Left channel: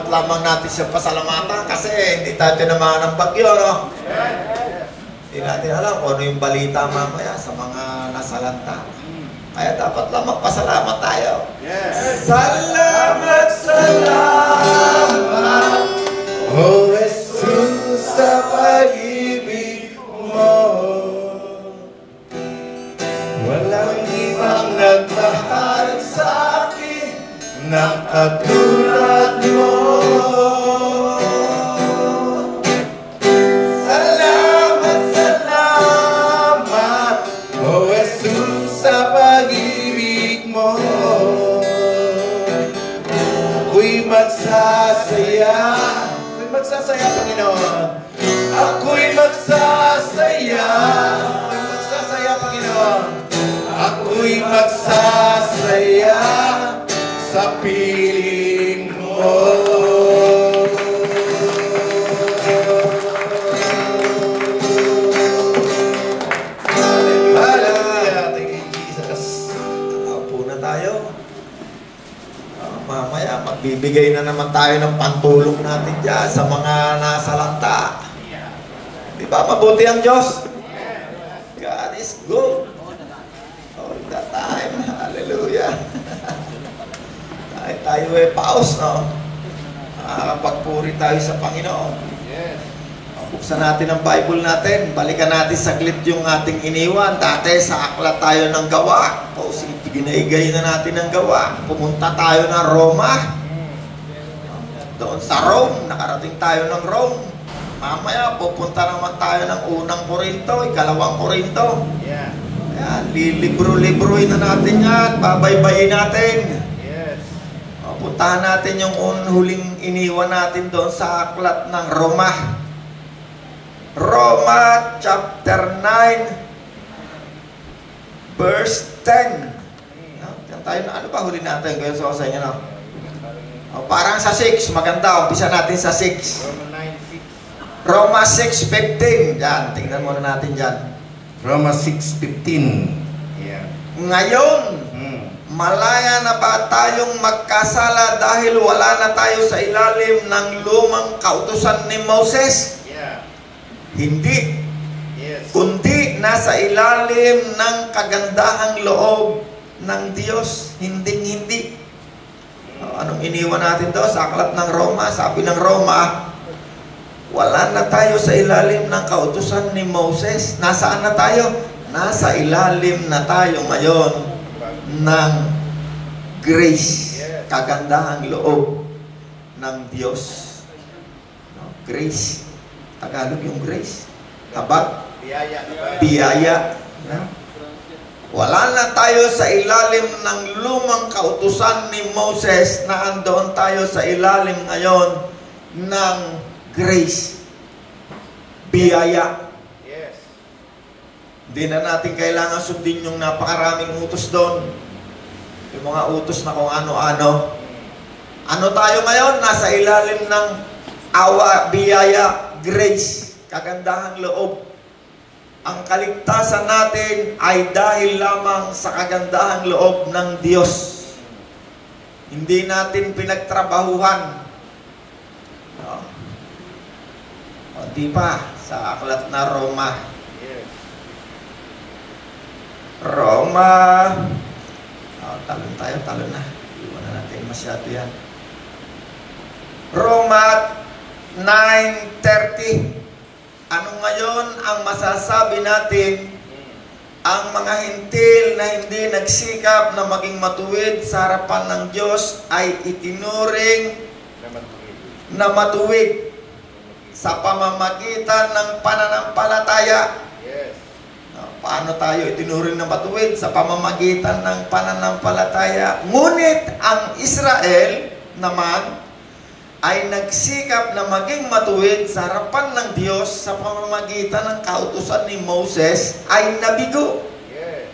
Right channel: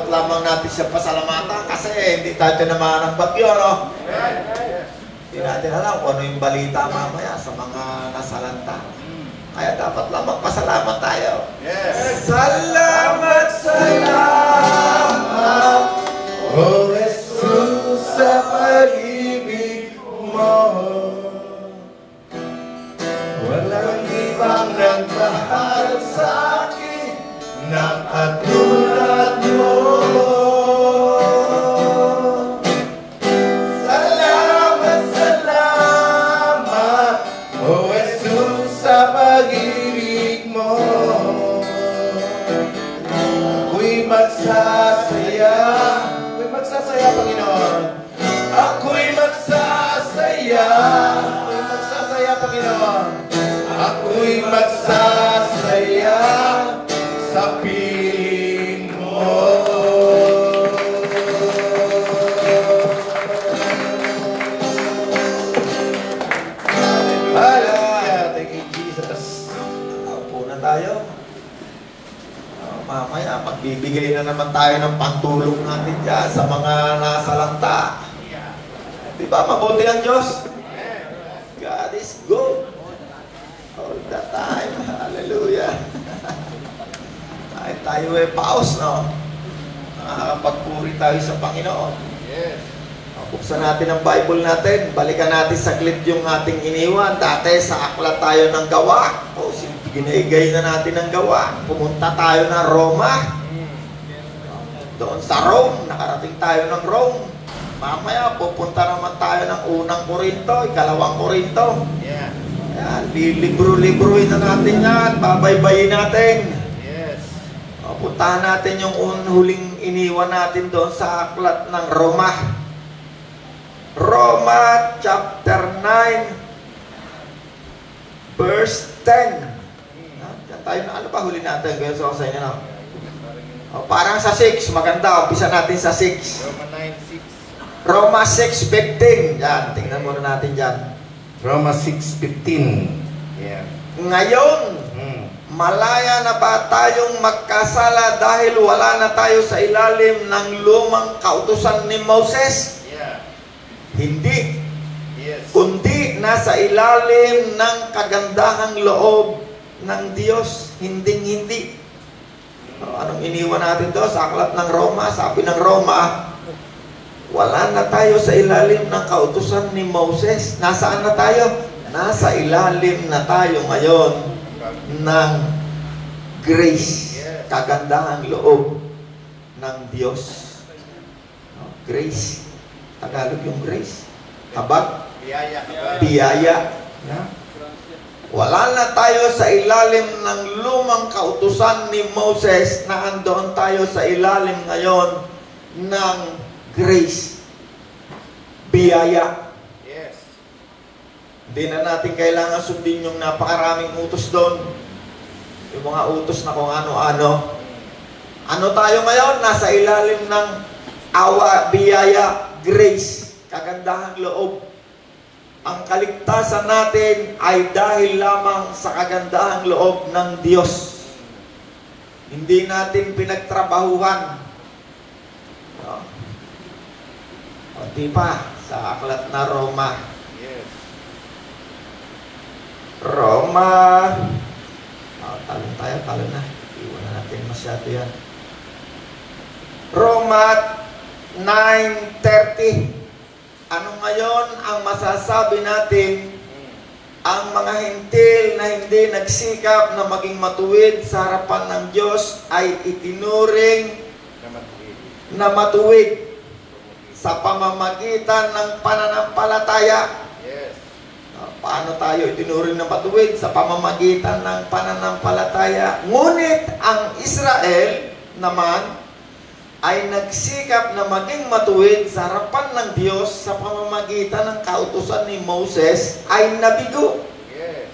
dapat lamang natin siya pasalamatan kasi hindi tayo tinamaan ng bagyo, no? Hindi natin alam kung ano yung balita mamaya sa mga nasalanta. Kaya dapat lamang pasalamat tayo. Salamat, salamat, O Jesus, sa pag-ibig mo. Walang ibang nagmahal sa akin ng katulad mo. Salamat, salamat, O Jesus, sa pag-ibig mo. Ako'y magsasaya, Panginoon. Ako'y magsasaya, Panginoon. Ako'y magsasaya sa piling mo. Hallelujah. Thank you, Jesus. Upo na tayo. Mamaya, magbibigay na naman tayo ng pantulong natin dyan sa mga nasalanta. Di ba mabuti ang Diyos? God is good. All the time. Hallelujah. Tayo ay paus, no? Pagpuri tayo sa Panginoon. Buksan natin ang Bible natin. Balikan natin saglit yung ating iniwan. Dati sa aklat tayo ng Gawa. Ginaigay na natin ang Gawa. Pumunta tayo ng Roma. Doon sa Rome. Nakarating tayo ng Rome. Mamaya, pupunta naman tayo ng unang Korinto, ikalawang Korinto. Ayan, libro-libroin na natin yan. Babaybayin natin. Puntahan natin yung huling iniwan natin doon sa aklat ng Roma. Roma chapter 9 verse 10. Tayo, ano pa huli natin ngayon sa inyo, no? Parang sa 6, maganda. Umpisa natin sa 6. Roma 6:15. Yan, tingnan muna natin dyan. Roma 6:15. Yeah. Ngayon, malaya na ba tayong magkasala dahil wala na tayo sa ilalim ng lumang kautusan ni Moses? Yeah. Hindi. Yes. Kundi nasa ilalim ng kagandahang loob ng Diyos, hinding-hindi. Anong iniwan natin doon sa aklat ng Roma? Sabi ng Roma, wala na tayo sa ilalim ng kautusan ni Moses. Nasaan na tayo? Nasa ilalim na tayo ngayon ng grace, kagandahang loob ng Diyos. Grace, Tagalog yung grace. Habag? Biyaya. Wala na tayo sa ilalim ng lumang kautusan ni Moses na andoon tayo sa ilalim ngayon ng grace. Biyaya. Yes. Hindi na natin kailangan sundin yung napakaraming utos doon. Yung mga utos na kung ano-ano. Ano tayo ngayon? Nasa ilalim ng awa, biyaya, grace, kagandahang loob. Ang kaligtasan natin ay dahil lamang sa kagandahang loob ng Diyos. Hindi natin pinagtrabahuhan. Di pa sa aklat na Roma. Roma. Talon tayo, talon na. Iwan natin masyado yan. Roma 9:30. Ano ngayon ang masasabi natin? Ang mga hintil na hindi nagsikap na maging matuwid sa harapan ng Diyos ay itinuring na matuwid sa pamamagitan ng pananampalataya. Yes. Paano tayo itinuring na matuwid? Sa pamamagitan ng pananampalataya. Ngunit ang Israel naman ay nagsikap na maging matuwid sa harapan ng Diyos sa pamamagitan ng kautusan ni Moses ay nabigo. Yes.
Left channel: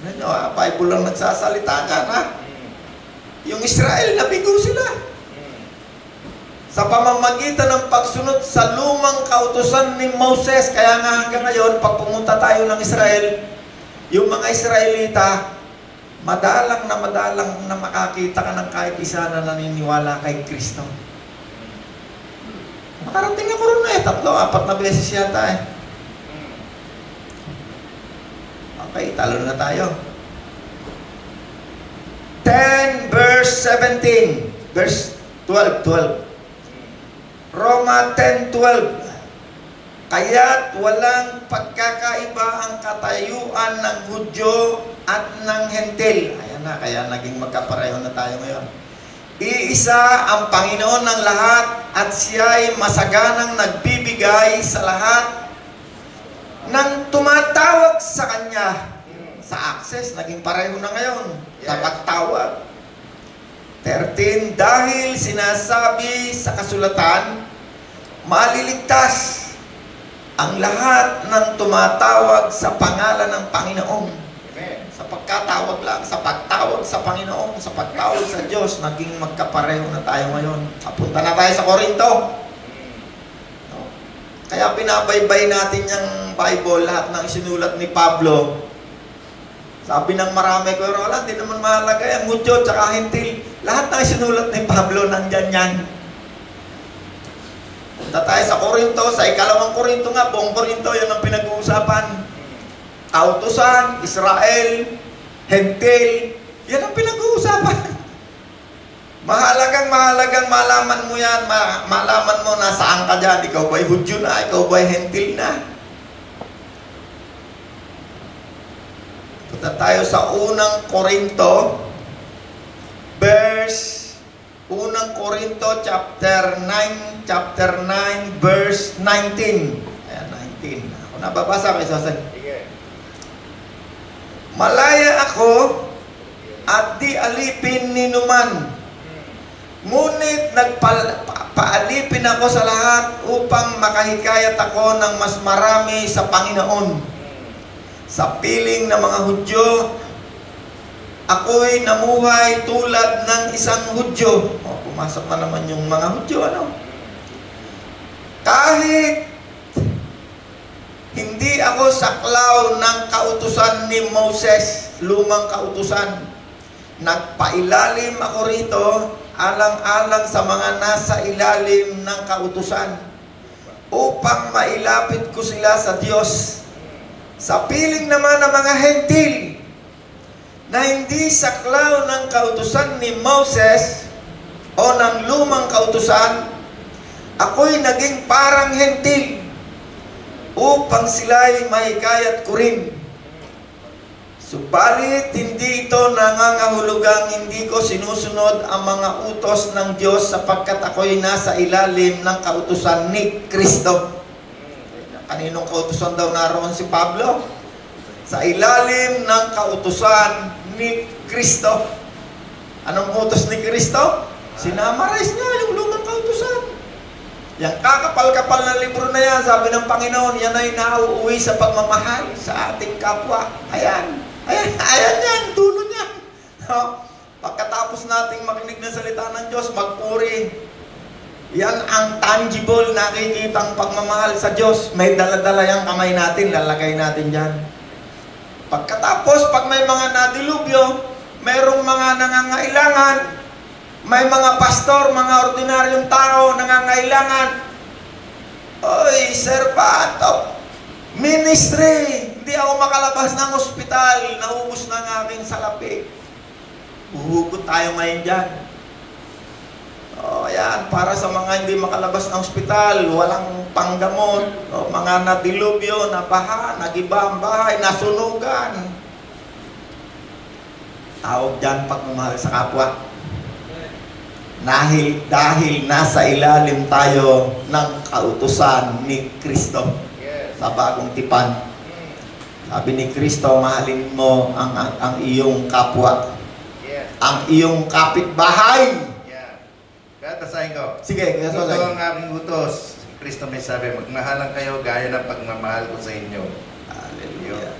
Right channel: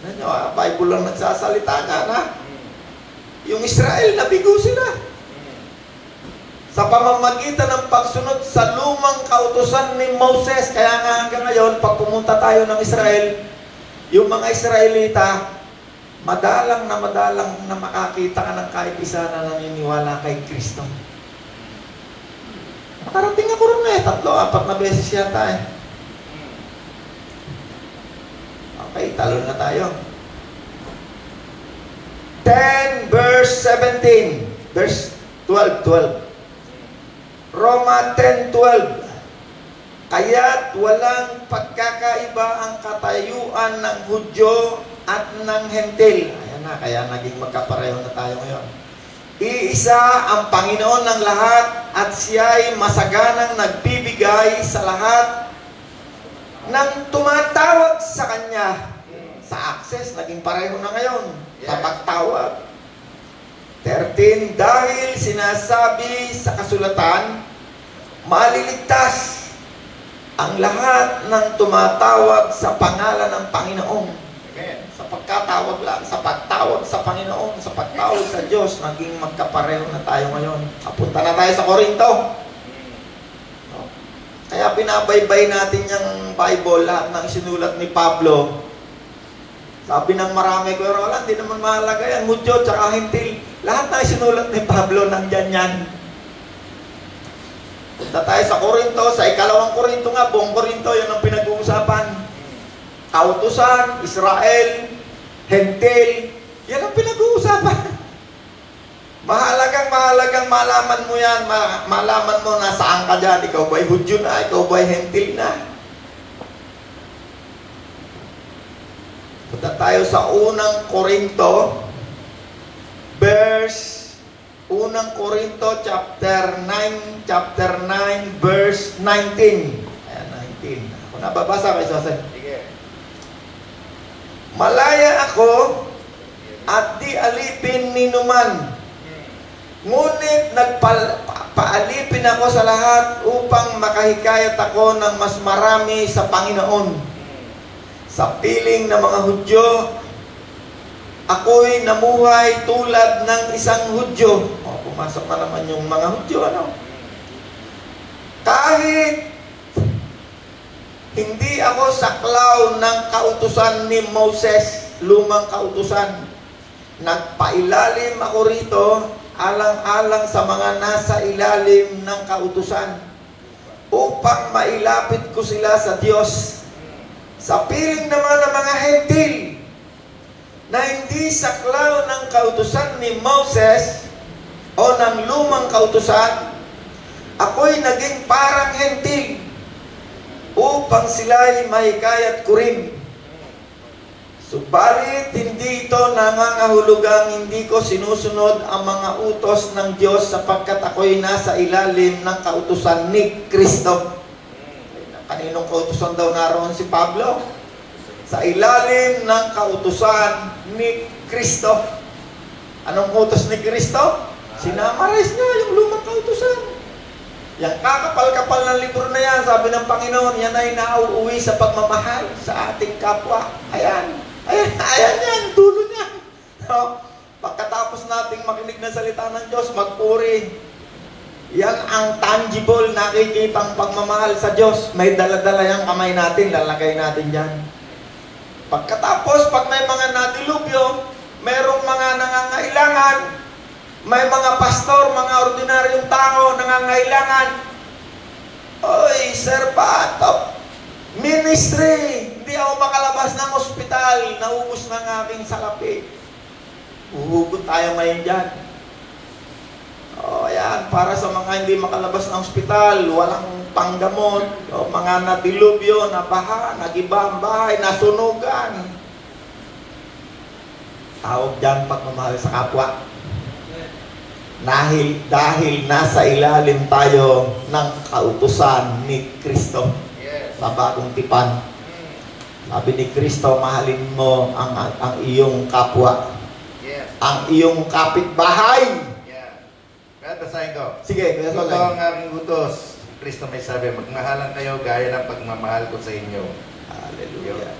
Ano, Bible lang nagsasalita ka na. Yung Israel, nabigo sila. Sa pamamagitan ng pagsunod sa lumang kautusan ni Moses. Kaya nga hanggang ngayon, pag pumunta tayo ng Israel, yung mga Israelita, madalang na makakita ka ng kahit isa na naniniwala kay Kristo. Parating ako rin eh, 3-4 na beses yata eh. Okay, talo na tayo. 10 verse 17, verse 12. Roma 10:12. Kaya't walang pagkakaiba ang katayuan ng Hudyo at ng Hentil. Ayan na, kaya naging magkapareho na tayo ngayon. Iisa ang Panginoon ng lahat at siya'y masaganang nagbibigay sa lahat ng tumatawag sa Kanya. Sa access, naging pareho na ngayon. Sa pagtawag. 13, dahil sinasabi sa kasulatan, maliligtas ang lahat ng tumatawag sa pangalan ng Panginoon. Amen. Sa pagkatawag lang, sa pagtawag sa Panginoon, sa pagtawag sa Diyos, naging magkapareho na tayo ngayon. Kapunta na tayo sa Korinto. Kaya pinabaybay natin yung Bible, lahat ng isinulat ni Pablo. Sabi ng marami ko, Roland, hindi naman mahalaga yan, Hudyo, tsaka Hentil. Lahat na isinulat ni Pablo, nandyan yan. Punta tayo sa Korinto, sa 2 Korinto nga, buong Korinto, yan ang pinag-uusapan. Kautusan, Israel, Hentil, yan ang pinag-uusapan. Mahalagang malaman mo yan, malaman mo nasaan ka dyan, ikaw ba'y Hudyo na, ikaw ba'y Hentil na. Punta tayo sa 1 Korinto, verse 1 Korinto chapter 9 verse 19. Ayan, 19. Ako nababasa ko isa. Malaya ako at di alipin ni numan. Ngunit nagpaalipin ako sa lahat upang makahikayat ako ng mas marami sa Panginoon. Sa piling ng mga Hudyo, ako'y namuhay tulad ng isang Hudyo. O, pumasok na naman yung mga Hudyo, ano? Kahit hindi ako saklaw ng kautusan ni Moses, lumang kautusan, nagpailalim ako rito, alang-alang sa mga nasa ilalim ng kautusan, upang mailapit ko sila sa Diyos. Sa piling naman ng mga Hentil, na hindi saklaw ng kautusan ni Moses o ng lumang kautusan, ako'y naging parang Hentil upang sila'y mahikayat ko rin. Subalit hindi ito nangangahulugang hindi ko sinusunod ang mga utos ng Diyos sapagkat ako'y nasa ilalim ng kautusan ni Kristo. Kaninong kautusan daw naroon si Pablo? Sa ilalim ng kautusan ni Kristo. Anong utos ni Kristo? Sinamarize niya yung lumang kautusan. Yung kakapal-kapal na libro na yan, sabi ng Panginoon, yan ay nauuwi sa pagmamahal sa ating kapwa. Ayan yan, dulo niya. No? Pagkatapos nating makinig ng salita ng Diyos, magpuri. Yan ang tangible, nakikitang pagmamahal sa Diyos. May dala-dala yung kamay natin, lalagay natin dyan. Pagkatapos, pag may mga nadilubyo, mayroong mga nangangailangan, may mga pastor, mga ordinaryong tao nangangailangan. Oy, sir, pato. Ministry, hindi ako makalabas ng ospital, naubos na ng aking salapi. Uhugot tayo ngayon dyan. O, ayan, para sa mga hindi makalabas ng ospital, walang panggamot, o, mga nadilubyo, nabaha, nagiba ang bahay, nasunugan. Tawag dyan pagmamahal sa kapwa. Dahil nasa ilalim tayo ng kautusan ni Kristo sa bagong tipan. Sabi ni Kristo, mahalin mo ang iyong kapwa, ang iyong kapitbahay. Basahin ko. Sige, ito ang aking utos. Kristo may sabi, magmahalan kayo gaya ng pagmamahal ko sa inyo. Hallelujah.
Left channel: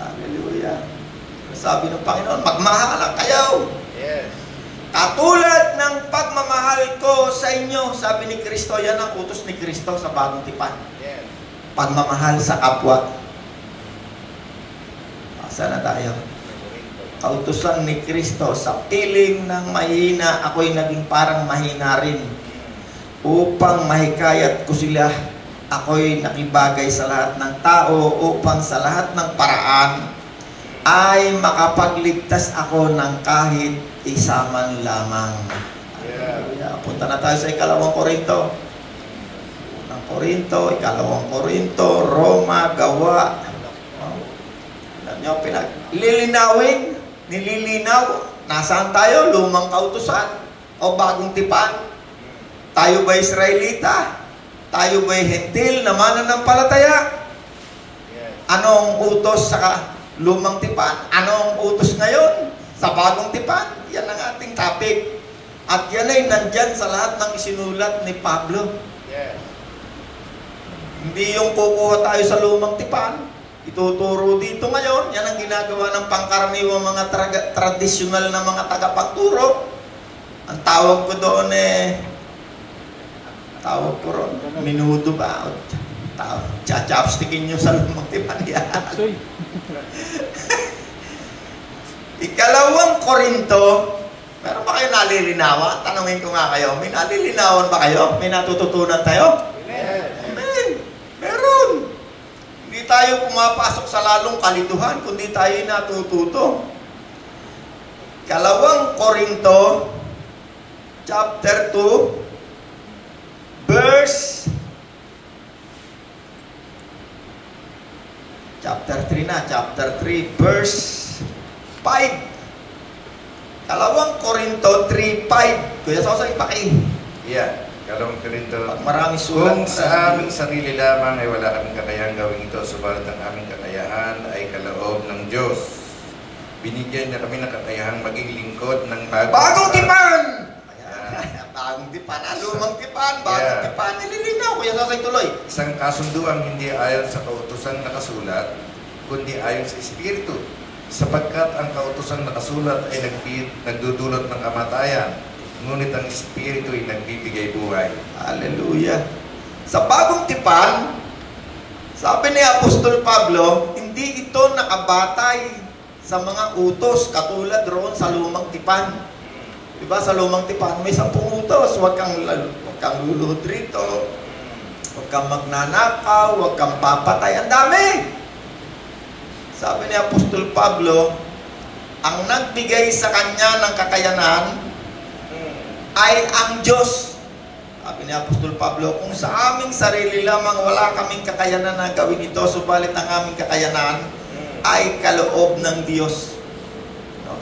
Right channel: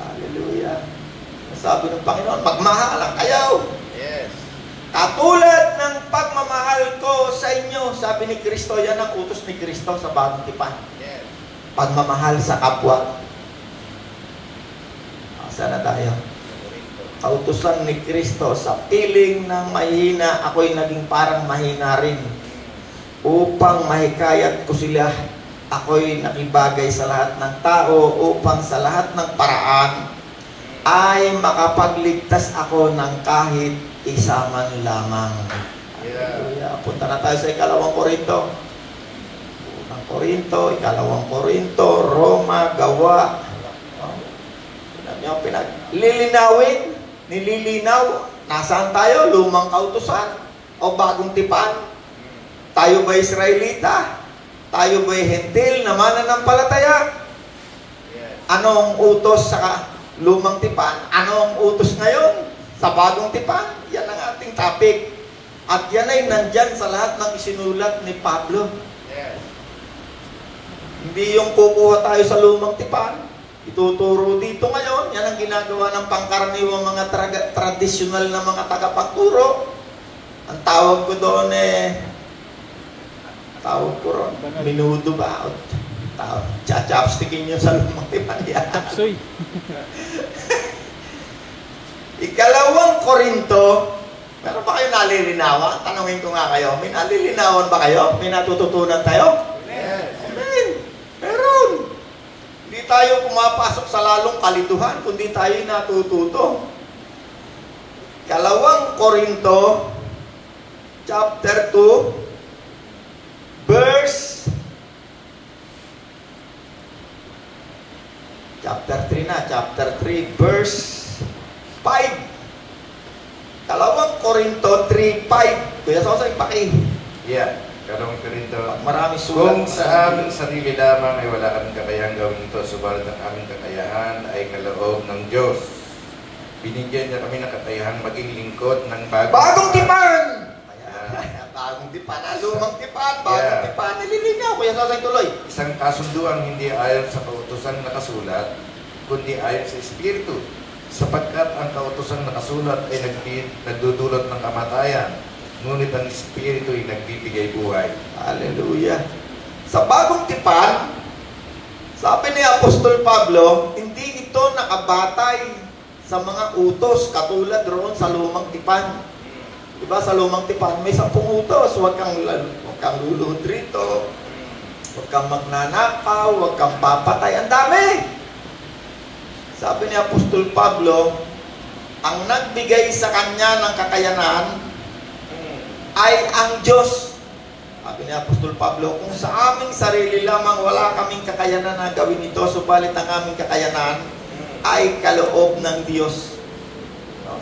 Hallelujah. Sabi ng Panginoon, magmahalan kayo. Yes. Katulad ng pagmamahal ko sa inyo, sabi ni Kristo, yan ang utos ni Kristo sa bagong tipan. Yes. Pagmamahal sa kapwa. Asa na tayo? kautusan ni Kristo, sa piling ng mahina, ako'y naging parang mahina rin. Upang mahikayat ko sila, ako'y nakibagay sa lahat ng tao, upang sa lahat ng paraan ay makapagligtas ako ng kahit isa man lamang. Yeah. Punta na tayo sa ikalawang Korinto. Unang Korinto, ikalawang Korinto, Roma, Gawa. Lilinawin, nililinaw. Nasaan tayo? Lumang kautusan o bagong tipan? Tayo ba Israelita? Tayo ba Hentil na mananampalataya? Anong utos sa lumang tipan? Anong utos ngayon sa bagong tipan? Yan ang ating topic. At yan ay nandyan sa lahat ng isinulat ni Pablo. Hindi yung kukuha tayo sa lumang tipan, ituturo dito ngayon. Yan ang ginagawa ng pangkaraniwang mga tradisyonal na mga tagapagturo. Ang tawag ko doon minudo ba? Chachapstickin nyo sa lumang tipan yan. Ikalawang Korinto, meron ba kayo nalilinawan? Tanungin ko nga kayo, may nalilinawan ba kayo? May natututunan tayo? Amen. Meron. Hindi tayo pumapasok sa lalong kalituhan, kundi tayo natututo. Ikalawang Korinto, chapter 2, verse chapter 3, verse 5. Kalawang Korinto 3:5. Kuya Sosay, paki. Yeah, Kalawang Korinto. Maraming sulat. Kung sa aming sarili lamang ay wala kaming kakayahang gawin ito, subalit ang aming kakayahan ay kaloob ng Diyos. Binigyan niya kami ng kakayahang maging lingkod ng bagong tipan! Bagong tipan, lumang tipan, bagong tipan, nililinaw. Kuya Sosay, tuloy. Isang kasunduang hindi ayon sa kautusan nakasulat, kundi ayon sa Espiritu. Sapagkat ang kautusan nakasulat ay nagdudulot ng kamatayan, ngunit ang Espiritu ay nagbibigay buhay. Hallelujah! Sa bagong tipan, sabi ni Apostol Pablo, hindi ito nakabatay sa mga utos katulad roon sa lumang tipan. Diba sa lumang tipan may 10 utos, huwag kang lulunod rito, huwag kang magnanakaw, huwag kang papatay, ang dami. Sabi ni Apostol Pablo, ang nagbigay sa kanya ng kakayanan ay ang Diyos. Sabi ni Apostol Pablo, kung sa aming sarili lamang wala kaming kakayanan na gawin ito, subalit ang aming kakayanan ay kaloob ng Diyos.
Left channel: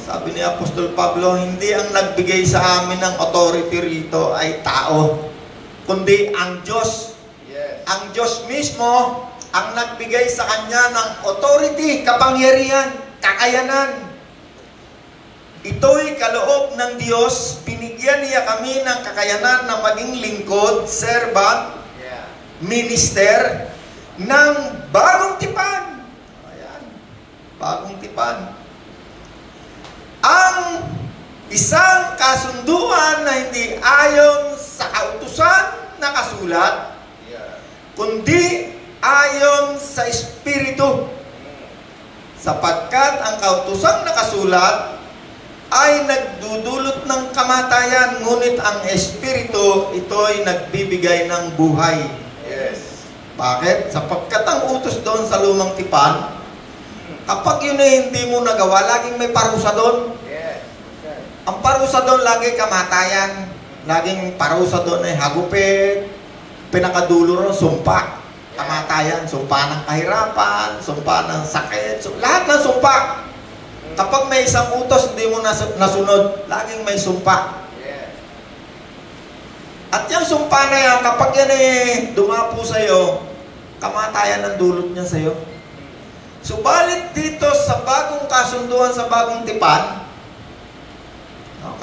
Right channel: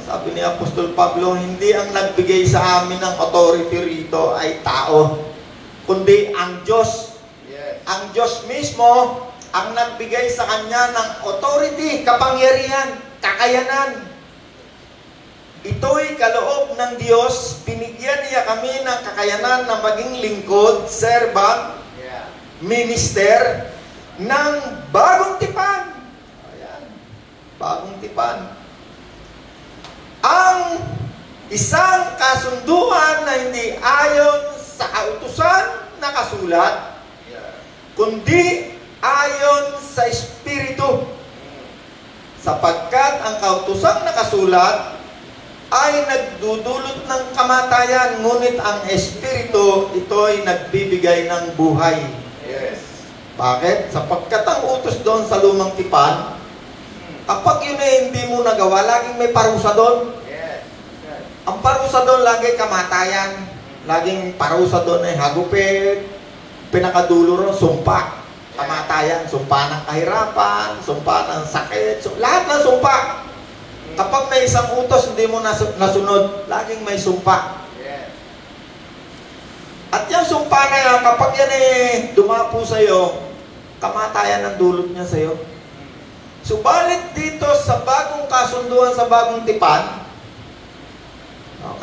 Sabi ni Apostol Pablo, hindi ang nagbigay sa amin ng authority rito ay tao, kundi ang Diyos. Ang Diyos mismo ang nagbigay sa kanya ng authority, kapangyarihan, kakayanan. Ito'y kaloob ng Diyos. Binigyan niya kami ng kakayanan na maging lingkod, servant, minister, ng bagong tipan. Ayan. Bagong tipan. Ang isang kasunduan na hindi ayon sa kautusan na kasulat, kundi ayon sa Espiritu. Sapagkat ang kautusang nakasulat ay nagdudulot ng kamatayan, ngunit ang Espiritu, ito ay nagbibigay ng buhay. Bakit? Sapagkat ang utos doon sa lumang tipan, kapag yun ay hindi mo nagawa, laging may parusa doon. Ang parusa doon lagi kamatayan. Laging parusa doon ay hagupit, pinakadulo ron, sumpa. Kamatayan, sumpa ng kahirapan, sumpa ng sakit, lahat ng sumpa. Kapag may isang utos hindi mo nasunod, laging may sumpa. At yung sumpa na yan, kapag yan dumapo sa'yo, kamatayan ang dulot niya sa'yo. Subalit dito sa bagong kasunduan, sa bagong tipan,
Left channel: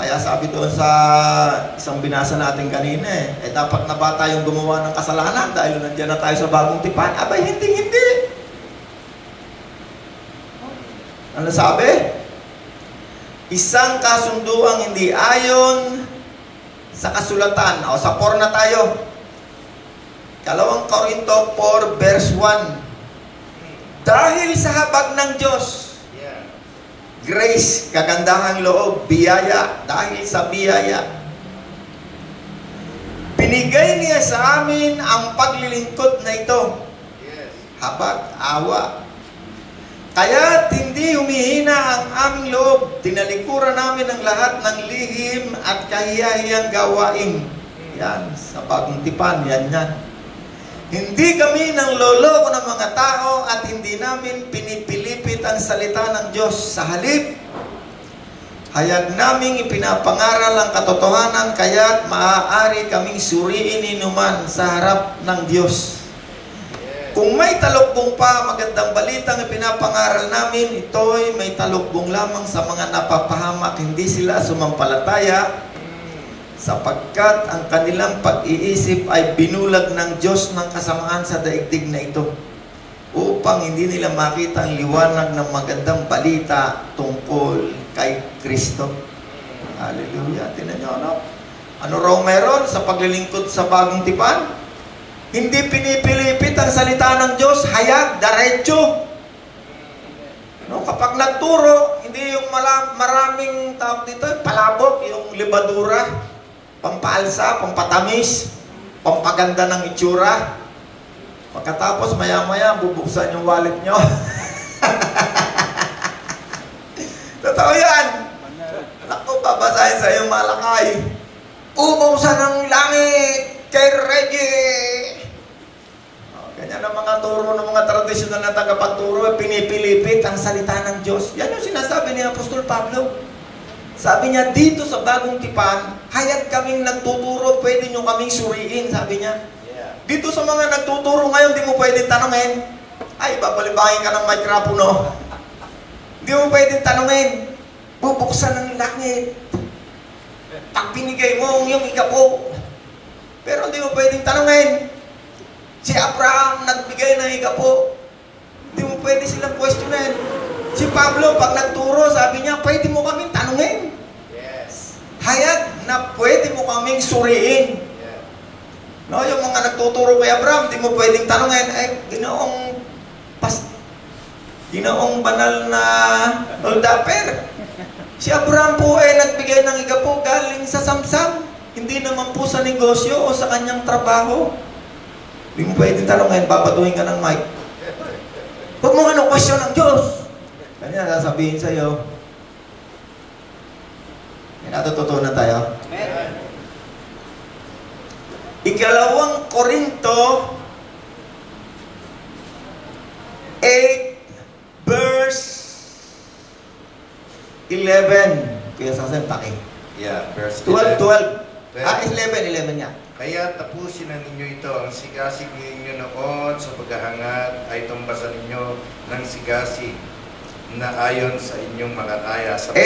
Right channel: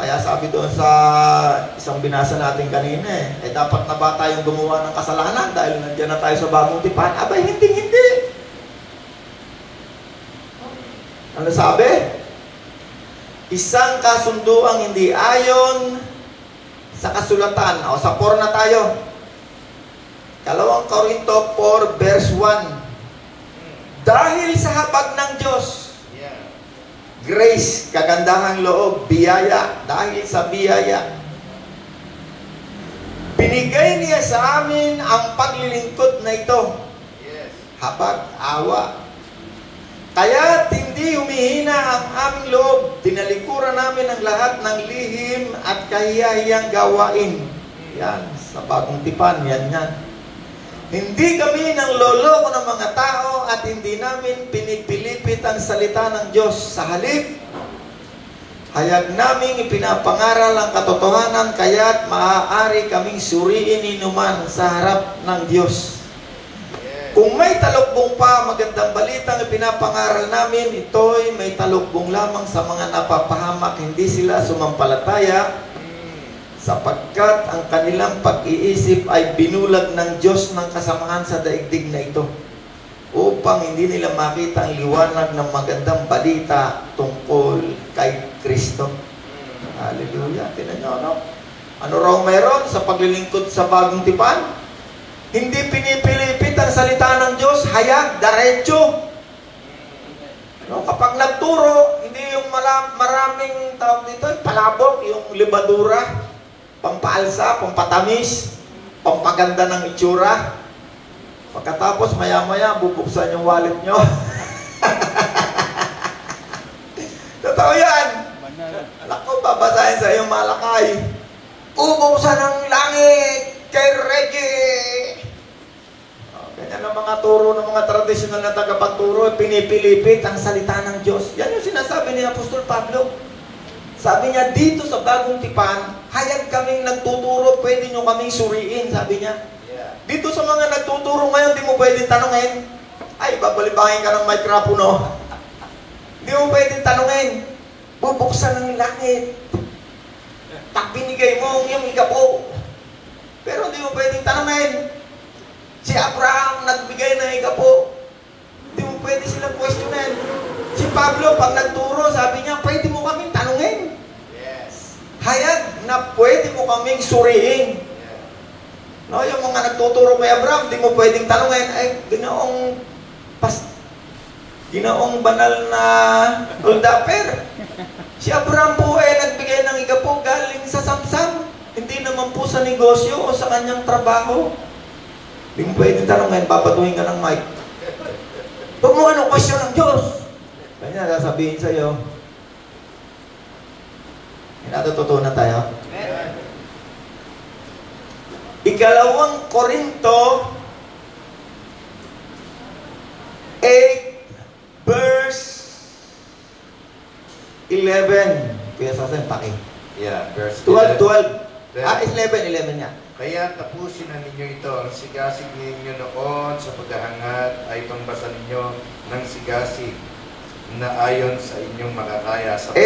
kaya sabi doon sa isang binasa natin kanina, dapat na ba tayong gumawa ng kasalanan dahil nandiyan na tayo sa bagong tipan? Abay, hindi. Ano sabi? Isang kasunduang hindi ayon sa kasulatan. O sa 4 na tayo. Kalawang Korinto 4 verse 1. Dahil sa habag ng Diyos, Grace, kagandahang loob, biyaya, dahil sa biyaya. Binigay niya sa amin ang paglilingkod na ito. Yes. Habag, awa. Kaya hindi humihina ang aming loob. Tinalikuran namin ang lahat ng lihim at kahiyahiyang gawain. Yan, sa bagong tipan, yan. Hindi kami nang loloko ng mga tao at hindi namin pinipilipit ang salita ng Diyos. Sa halip, hayag naming ipinapangaral ang katotohanan, kaya't maaari kaming suriin inuman sa harap ng Diyos. Kung may talukbong pa, magandang balitang ipinapangaral namin, ito'y may talukbong lamang sa mga napapahamak, hindi sila sumampalataya, sapagkat ang kanilang pag-iisip ay binulag ng Diyos ng kasamaan sa daigdig na ito, upang hindi nila makita ang liwanag ng magandang balita tungkol kay Kristo. Hallelujah. Tingnan nyo, ano? Ano raw meron sa paglilingkod sa bagong tipan? Hindi pinipilipit ang salita ng Diyos, hayag, diretso. No, kapag nagturo, hindi yung maraming tawag dito, palabok, yung libadura, pampaalsa, pampatamis, pampaganda ng itsura. Pagkatapos, maya-maya, bubuksan yung wallet nyo. Totoo yan. Anak ko, babasahin sa iyong Malakay. Ubuksan ng langit kay Reggie. Ganyan ang mga turo ng mga tradisyonal na tagapagturo, pinipilipit ang salita ng Diyos. Yan yung sinasabi ni Apostol Pablo. Sabi niya, dito sa bagong tipan, hayag kaming nagtuturo, pwede nyo kaming suriin, sabi niya. Dito sa mga nagtuturo ngayon, di mo pwedeng tanongin. Ay, babalibakin ka ng mikropono. Di mo pwedeng tanongin. Bubuksan ng langit. Pag binigay mo yung ikapo. Pero di mo pwedeng tanongin. Si Abraham nagbigay ng ikapo. Di mo pwede silang questionin. Si Pablo, pag nagturo, sabi niya, pwede mo kaming tanongin. Yes. Hayag na pwede mo kaming suriin. No, yung mga nagtuturo kay Abraham, di mo pwedeng tanungin, ay, ginoong banal na Uldaper. Si Abraham po ay nagbigay ng igapo galing sa samsam. Hindi naman po sa negosyo o sa kanyang trabaho. Di mo pwedeng tanungin, babatuhin ka ng mic. Huwag mo anong question ng Diyos. Kanya, sasabihin sa'yo. May natututunan tayo. Ikalawang Korinto 8 verse 11. Kaya sasabihin, paki. Yeah, verse 12. 11. 11 niya. Kaya tapusin na ninyo ito, ang sigasig ninyo noon sa paghahangat ay tumbasan ninyo ng sigasig na ayon sa inyong makakaya. 8,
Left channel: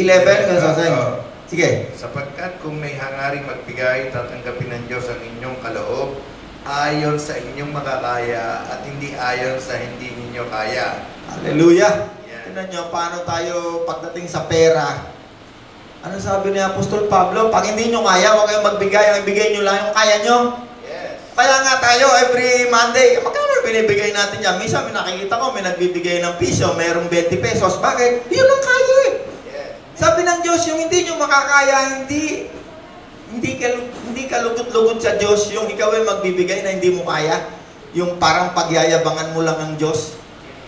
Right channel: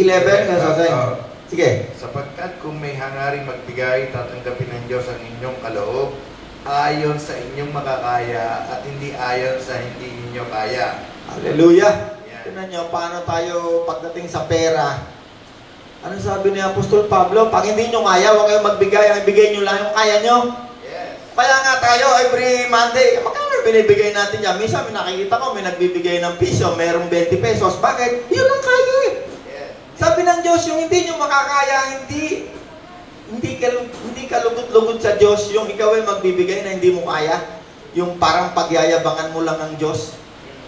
11, kaya sasabihin. Sige. Sapagkat kung may hangaring magbigay, tatanggapin ng Diyos ang inyong kaloob ayon sa inyong makakaya at hindi ayon sa hindi ninyo kaya. Hallelujah. Yeah. Tignan nyo, paano tayo pagdating sa pera. Ano sabi ni Apostol Pablo? Pag hindi nyo kaya, huwag kayong magbigay. Ang ibigay nyo lang yung kaya nyo. Yes. Kaya nga tayo, every Monday, magkano binibigay natin yan? Minsan, may nakikita ko, may nagbibigay ng piso, mayroong 20 pesos. Bakit? Yun ang kaya eh. Sabi ng Diyos, yung hindi nyo makakaya, hindi ka lugod-lugod sa Diyos, yung ikaw ay magbibigay na hindi mo kaya, yung parang pagyayabangan mo lang ng Diyos.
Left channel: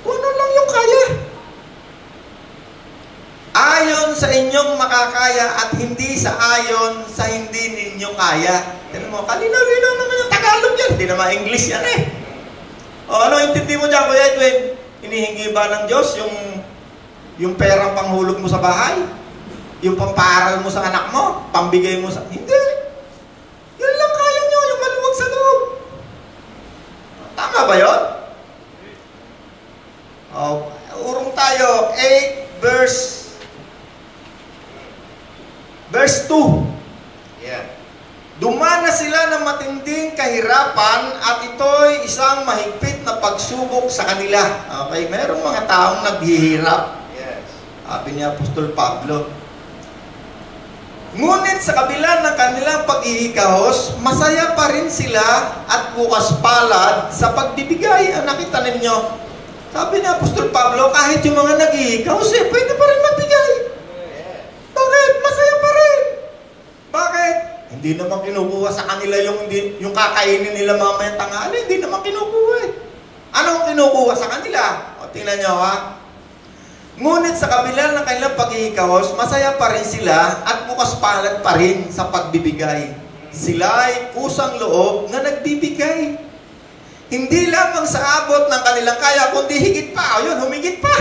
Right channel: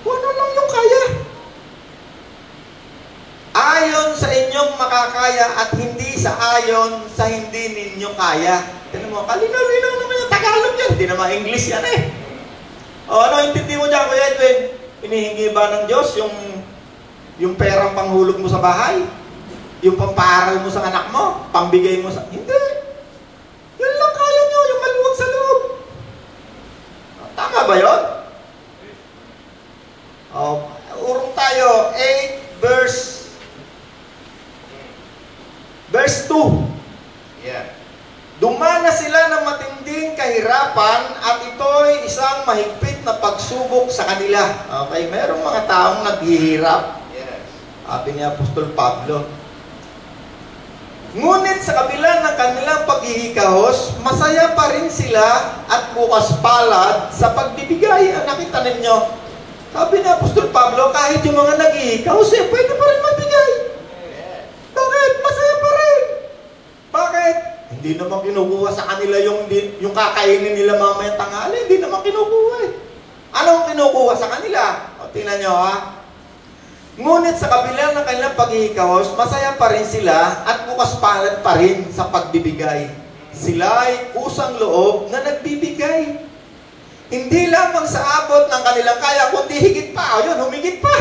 Ano lang yung kaya? Ayon sa inyong makakaya at hindi sa ayon sa hindi ninyo kaya. Tignan mo, kalinaw-linaw naman yung Tagalog yan. Hindi naman English yan eh. O ano, intindi mo dyan, Kuya Edwin? Hinihingi ba ng Diyos yung perang panghulog mo sa bahay? Yung pampaaral mo sa anak mo, pambigay mo sa... Hindi. Yun lang kaya nyo, yung maluwag sa loob. Tama ba yun? Urong tayo, 8 verse 2. Yeah. Dumana sila ng matinding kahirapan at ito'y isang mahigpit na pagsubok sa kanila. Okay, merong mga taong naghihirap. Yes. Sabi ni Apostol Pablo. Ngunit sa kabila ng kanilang paghihikahos, masaya pa rin sila at bukas palad sa pagbibigay. Nakita ninyo, Sabi ni Apostol Pablo, kahit yung mga nag-iikaw, pwede pa rin magbigay. Bakit? Masaya pa rin. Bakit? Hindi naman kinukuha sa kanila yung kakainin nila mamayang tanghali. Hindi naman kinukuha eh. Anong kinukuha sa kanila? O, tingnan nyo ha. Ngunit sa kabila ng kanilang pag-iikawos, masaya pa rin sila at bukas palad pa rin sa pagbibigay. Sila ay kusang loob na nagbibigay. Hindi lamang sa abot ng kanilang kaya, kundi higit pa. Ayun, humigit pa.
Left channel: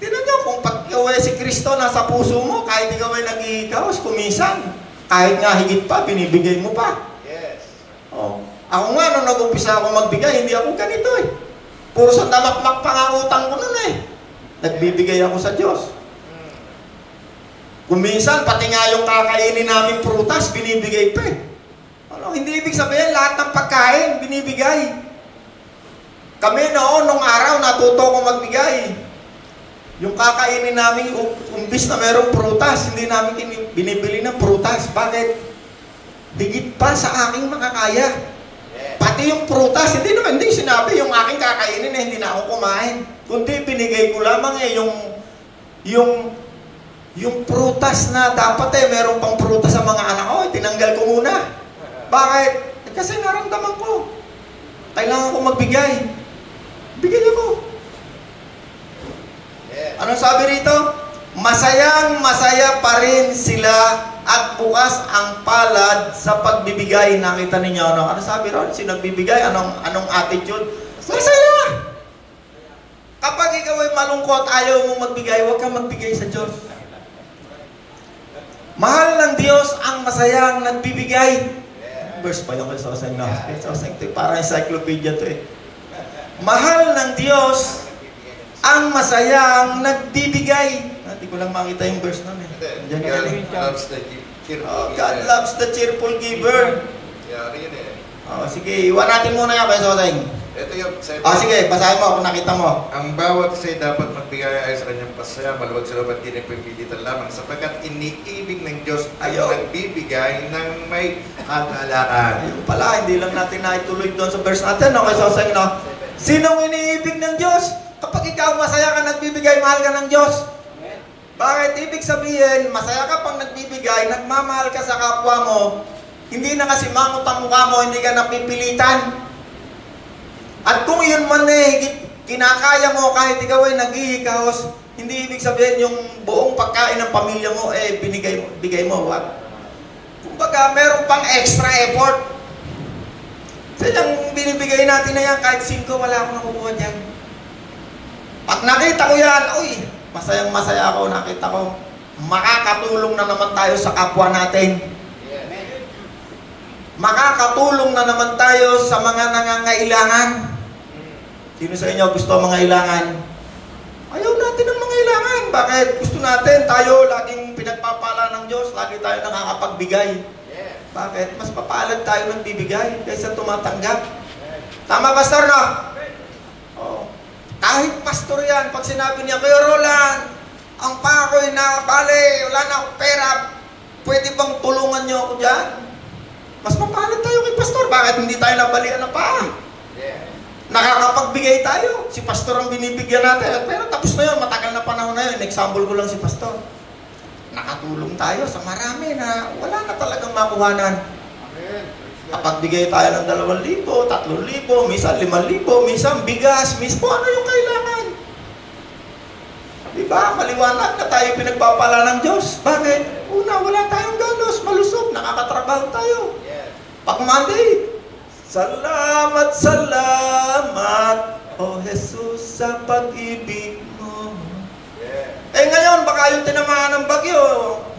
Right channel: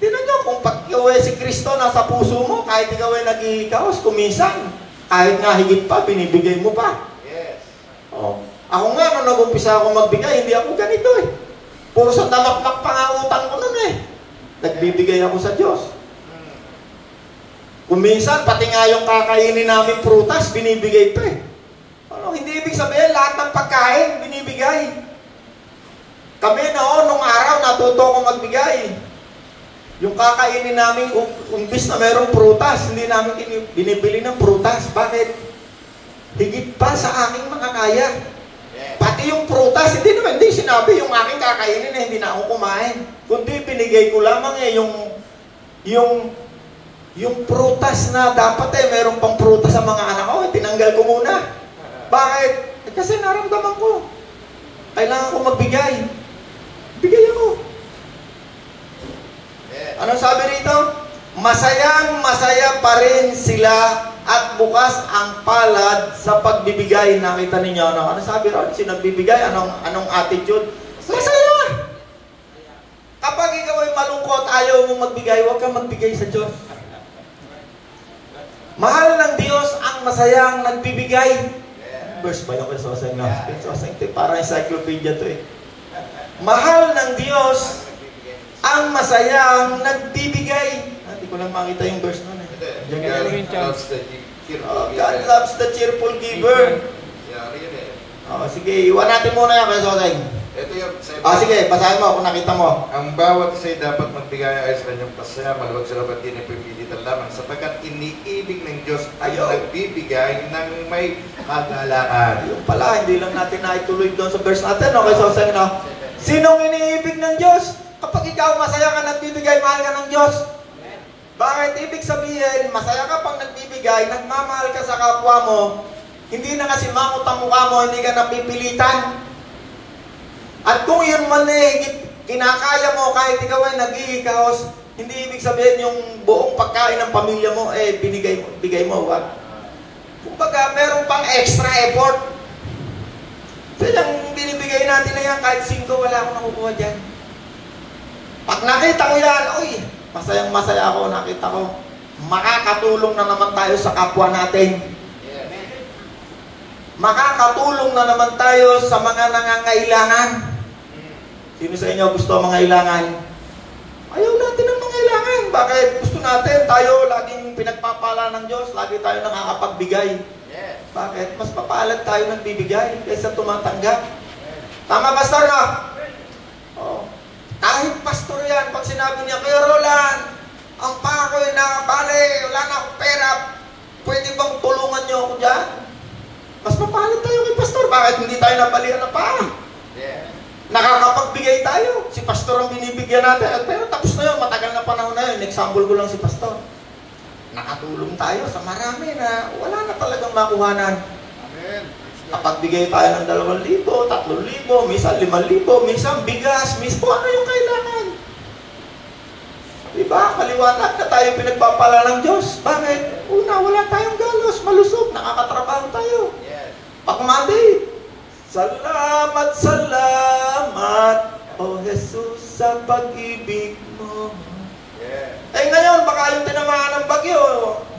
Tingnan nyo, kung ikaw ay si Kristo nasa puso mo, kahit ikaw ay nag-iikawas, kumisan, kahit nga higit pa, binibigay mo pa. Yes. Oh. Ako nga, nung nag-umpisa ako magbigay, hindi ako ganito eh. Puro sa talakmak pa nga utang ko nun eh. Nagbibigay ako sa Diyos. Kuminsan, pati nga yung kakainin namin prutas, binibigay pa eh. Ano, hindi ibig sabihin, lahat ng pagkain, binibigay. Kami noon, nung araw, natuto ko magbigay. Yung kakainin namin, umpis na merong prutas, hindi namin binibili ng prutas. Bakit? Higit pa sa aking makakaya. Pati yung prutas, hindi sinabi yung aking kakainin na hindi na ako kumain. Kundi binigay ko lamang yung prutas na dapat meron pang prutas sa mga anak ko, tinanggal ko muna. Bakit? Kasi naramdaman ko. Kailangan ko magbigay. Bigay ako. Anong sabi rito? Masayang masaya pa rin sila at bukas ang palad sa pagbibigay. Nakita ninyo ano sabi ron? Sino nagbibigay? Anong attitude? Masaya! Kapag ikaw ay malungkot, ayaw mo magbigay, huwag kang magbigay sa Diyos. Mahal ng Diyos ang masayang nagbibigay. Verse ba yung kasosang na? Parang encyclopedia to eh. Mahal ng Diyos ang masayang nagbibigay. Hindi ko lang makita yung verse nun eh. God loves the cheerful giver. Sige, iwan natin muna yan, kasosang. Ito yung sige, basahin mo kung nakita mo. Ang bawat isa'y dapat magbigay ay sa kanyang pasaya, maluwag sa labat din ay pipilitan lamang, sapagkat iniibig ng Diyos ay nagbibigay ng may hagalaan. Yung pala, hindi lang natin naituloy doon sa verse natin, okay, so sayang na, sinong iniibig ng Diyos? Kapag ikaw masaya ka nagbibigay, mahal ka ng Diyos. Bakit? Ibig sabihin, masaya ka pang nagbibigay, nagmamahal ka sa kapwa mo, hindi na kasi mangot ang mukha mo, hindi ka napipilitan. At kung yun man kinakaya mo kahit ikaw ay nag-iikaos, hindi ibig sabihin yung buong pagkain ng pamilya mo, bigay mo. What? Kumbaga, meron pang extra effort. So yung binibigay natin na yan, kahit 5, wala akong nakukuha dyan. Pag nakita ko yan, masayang masaya ako, nakita ko, makakatulong na naman tayo sa kapwa natin. Makakatulong na naman tayo sa mga nangangailangan. Sino sa inyo gusto ang mga ilangan? Ayaw natin ang mga ilangan. Bakit? Gusto natin, tayo laging pinagpapala ng Diyos, lagi tayo nakakapagbigay. Bakit? Mas papalad tayo ng bibigay kaysa tumatanggap. Tama ba, Sir? Kahit pastor yan, pag sinabi niya, Kuya Roland, ang pakoy na, pare, wala na akong pera, pwede bang tulungan niyo ako dyan? Mas papalad tayo kay pastor. Bakit hindi tayo nabalian ng paa? Nakakapagbigay tayo. Si pastor ang binibigyan natin. Pero tapos na yun, matagal na panahon na yun. Example ko lang si pastor. Nakatulong tayo sa marami na wala na talagang makuhanan. Kapagbigay tayo ng 2,000, 3,000, minsan 5,000, minsan bigas, mismo ano yung kailangan. Diba? Maliwanag na tayo pinagpapala ng Diyos. Bakit? Una, wala tayong galos, malusog, nakakatrabaho tayo. Pag Monday, salamat, O Jesus, sa pag-ibig mo. Ngayon, baka yung tinamaan ng bagyo,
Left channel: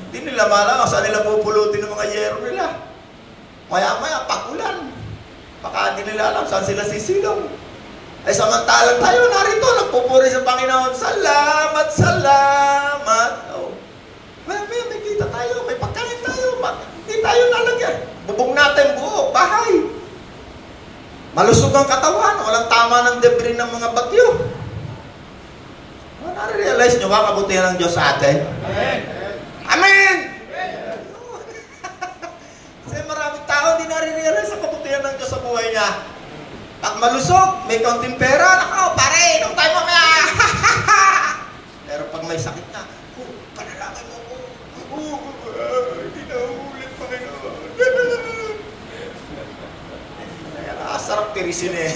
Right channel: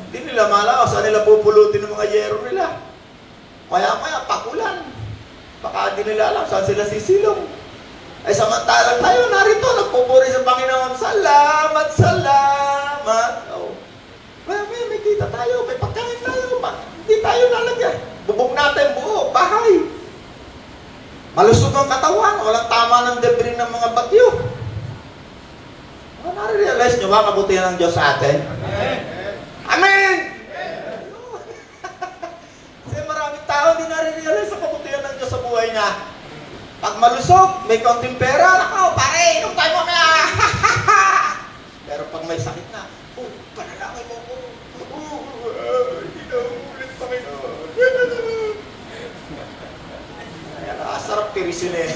hindi nila malaw, saan nila pupulutin ng mga yero nila. Maya-maya, pakulan. Baka hindi nila alam saan sila sisilong. Samantalang tayo narito, nagpupuri sa Panginoon, salamat. May kita tayo, may pagkain tayo, hindi tayo nalagay. Bubong natin buo, bahay. Malusog ang katawan, walang tama ng debris ng mga bagyo. Nare-realize nyo ba kabutihan ng Diyos sa atin? Amen! Kasi maraming tao hindi nare-realize ang kabutihan ng Diyos sa buhay niya. Pag malusog, may konting pera, pare, inom tayo mamaya. Pero pag may sakit na, panalangin mo ko. Hindi na ulit, Panginoon. Sarap tirisin eh.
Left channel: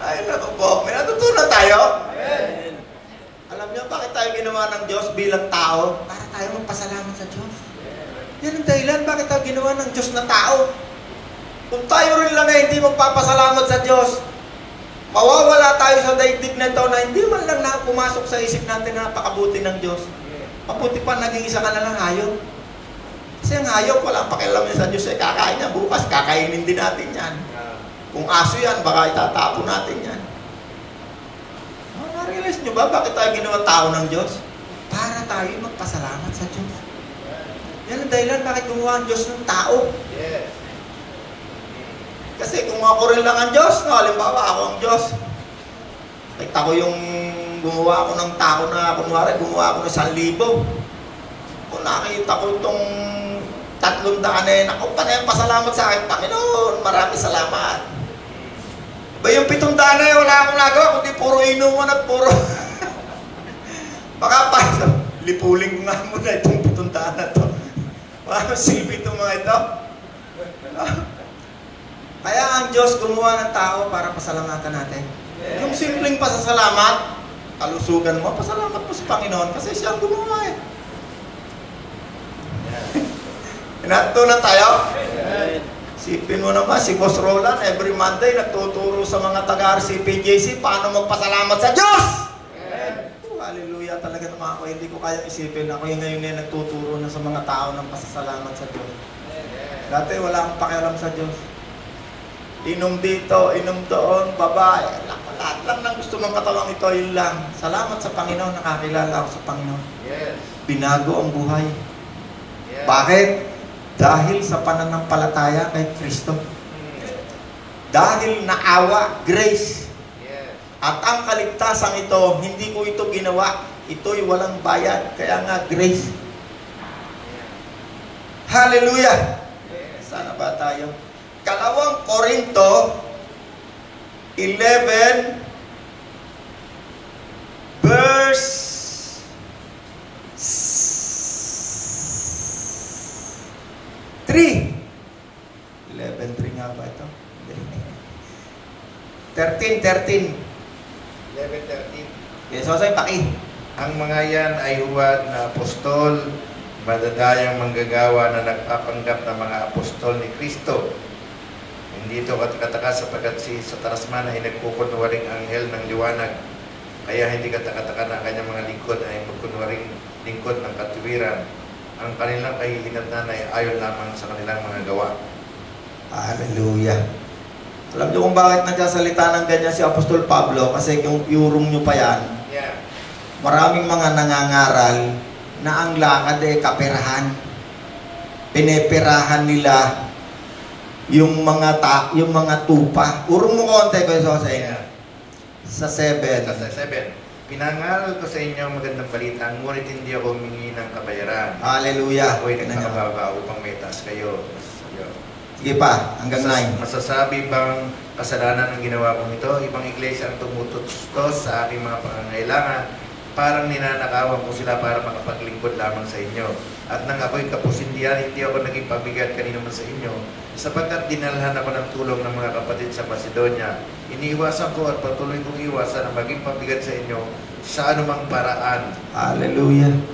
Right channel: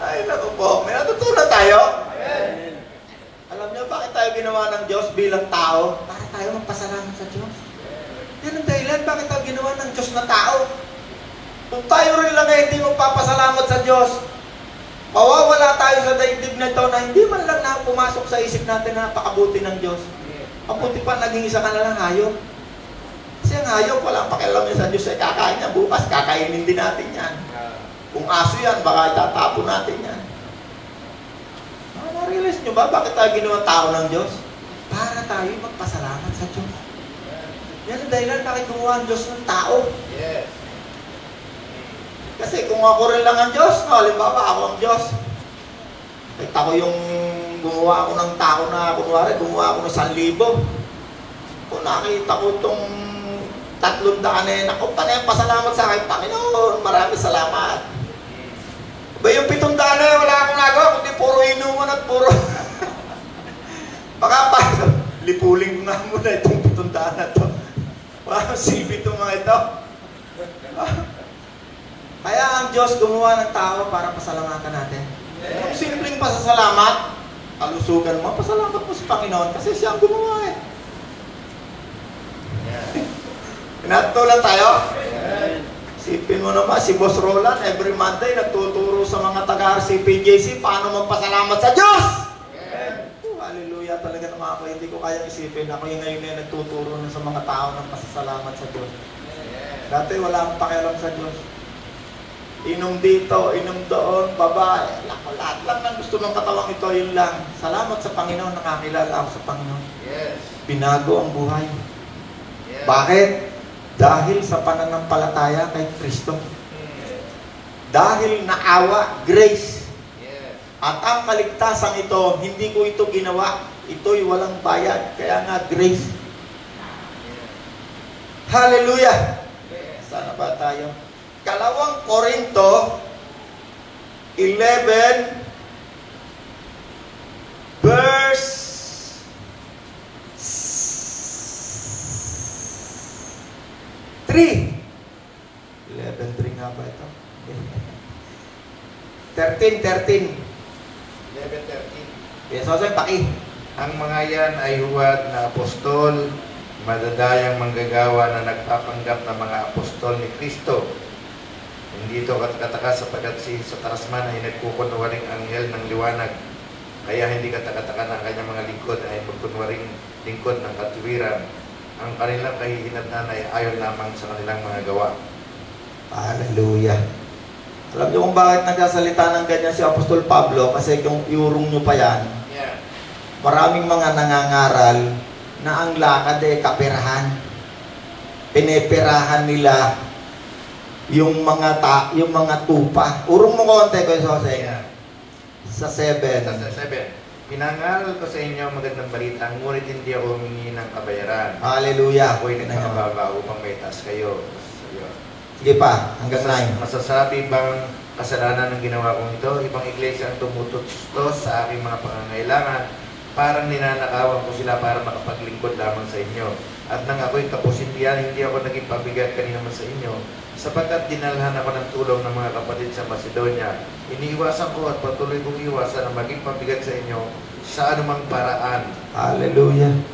Ay, naku po. May natutunan tayo. Amen. Alam niyo, bakit tayo ginawa ng Diyos bilang tao? Para tayo magpasalamat sa Diyos. Yan ang dahilan, bakit tayo ginawa ng Diyos na tao? Kung tayo rin lang na hindi magpapasalamat sa Diyos, mawawala tayo sa daigdig na ito na hindi man lang na pumasok sa isip natin na napakabuti ng Diyos. Mabuti pa naging isa ka na lang hayop. Kasi ang hayop, walang pakialam niya sa Diyos, eh, kakain niya bukas, kakainin din natin yan. Kung aso yan, baka itatapon natin yan. Ma-realize nyo ba, bakit tayo ginawa tao ng Diyos? Para tayo magpasalamat sa Diyos. Yan ang dahilan bakit gumawa ang Diyos ng tao. Yes. Kasi kung ako rin lang ang Diyos, no, halimbawa ako ang Diyos. Kahit ako yung gumawa ako ng tao na, kunwari, gumawa ako ng 1,000. Kung nakita ko itong 300 na ako, panay pasalamat sa akin, Panginoon, maraming salamat. Ba yung 700 na wala akong nagawa, kundi puro inuman at puro. Baka pa, lipuling nga muna itong 700 na ito. Walang silbi itong mga ito. Kaya ang Diyos gumawa ng tao para pasalamatan natin. Yung simpleng pasasalamat, kalusugan mo, pasalamat mo sa Panginoon kasi siya ang gumawa eh. Natutunan tayo? Sipin mo naman, si Boss Roland, every Monday, nagtuturo sa mga taga-RCPJC paano magpasalamat sa Diyos! Hallelujah, talaga naman ako, hindi ko kaya isipin. Ako yung ngayon na nagtuturo na sa mga tao ng pasasalamat sa Diyos. Dati wala akong pakialam sa Diyos. Inom dito, inom doon, babae. Lahat lang ng gusto mong katawang ito, yun lang. Salamat sa Panginoon, nakakilala ako sa Panginoon. Binago ang buhay. Bakit? Dahil sa pananampalataya kay Kristo. Dahil naawa, grace. At ang kaligtasan ito, hindi ko ito ginawa. Ito'y walang bayad. Kaya nga, grace. Hallelujah! Sana ba tayo? 2 Korinto 11 verse 3. 11:3 nga ba ito? 13. 11:13. Yes, Jose, paki. Ang mga yan ay huwad na apostol, madadayang manggagawa na nagpapanggap ng mga apostol ni Kristo. Hindi ito katakataka sapagkat si Satanas man ay nagkukunwaring anghel ng liwanag. Kaya hindi katakataka na ang kanyang mga lingkod ay magkunwaring lingkod ng katuwiran. Ang kanilang kahihinatnan ay ayon lamang sa kanilang mga gawa. Hallelujah. Alam niyo kung bakit nagsasalita ng ganyan si Apostol Pablo? Kasi kung iurong niyo pa yan, maraming mga nangangaral na ang lakad ay kaperahan. Pineperahan nila yung mga tupa. Urong mo konti ko yung sa 7. Sa 7. Pinangaral ko sa inyo ang magandang balita, ngunit hindi ako humingi ng kabayaran. Hallelujah. Ako'y nagkakababa upang may taas kayo. Sige pa, hanggang 9. Masasabi bang kasalanan ng ginawa kong ito? Ibang iglesia ang tumutustos sa aking mga pangangailangan. Parang ninanakawan ko sila para makapaglingkod lamang sa inyo. At nang ako'y kapusindihan, hindi ako naging pabigat kanina man sa inyo. Sapagkat dinalhan ako ng tulong ng mga kapatid sa Macedonia. Iniiwasan ko at patuloy kong iwasan na maging pabigat sa inyo sa anumang paraan. Hallelujah.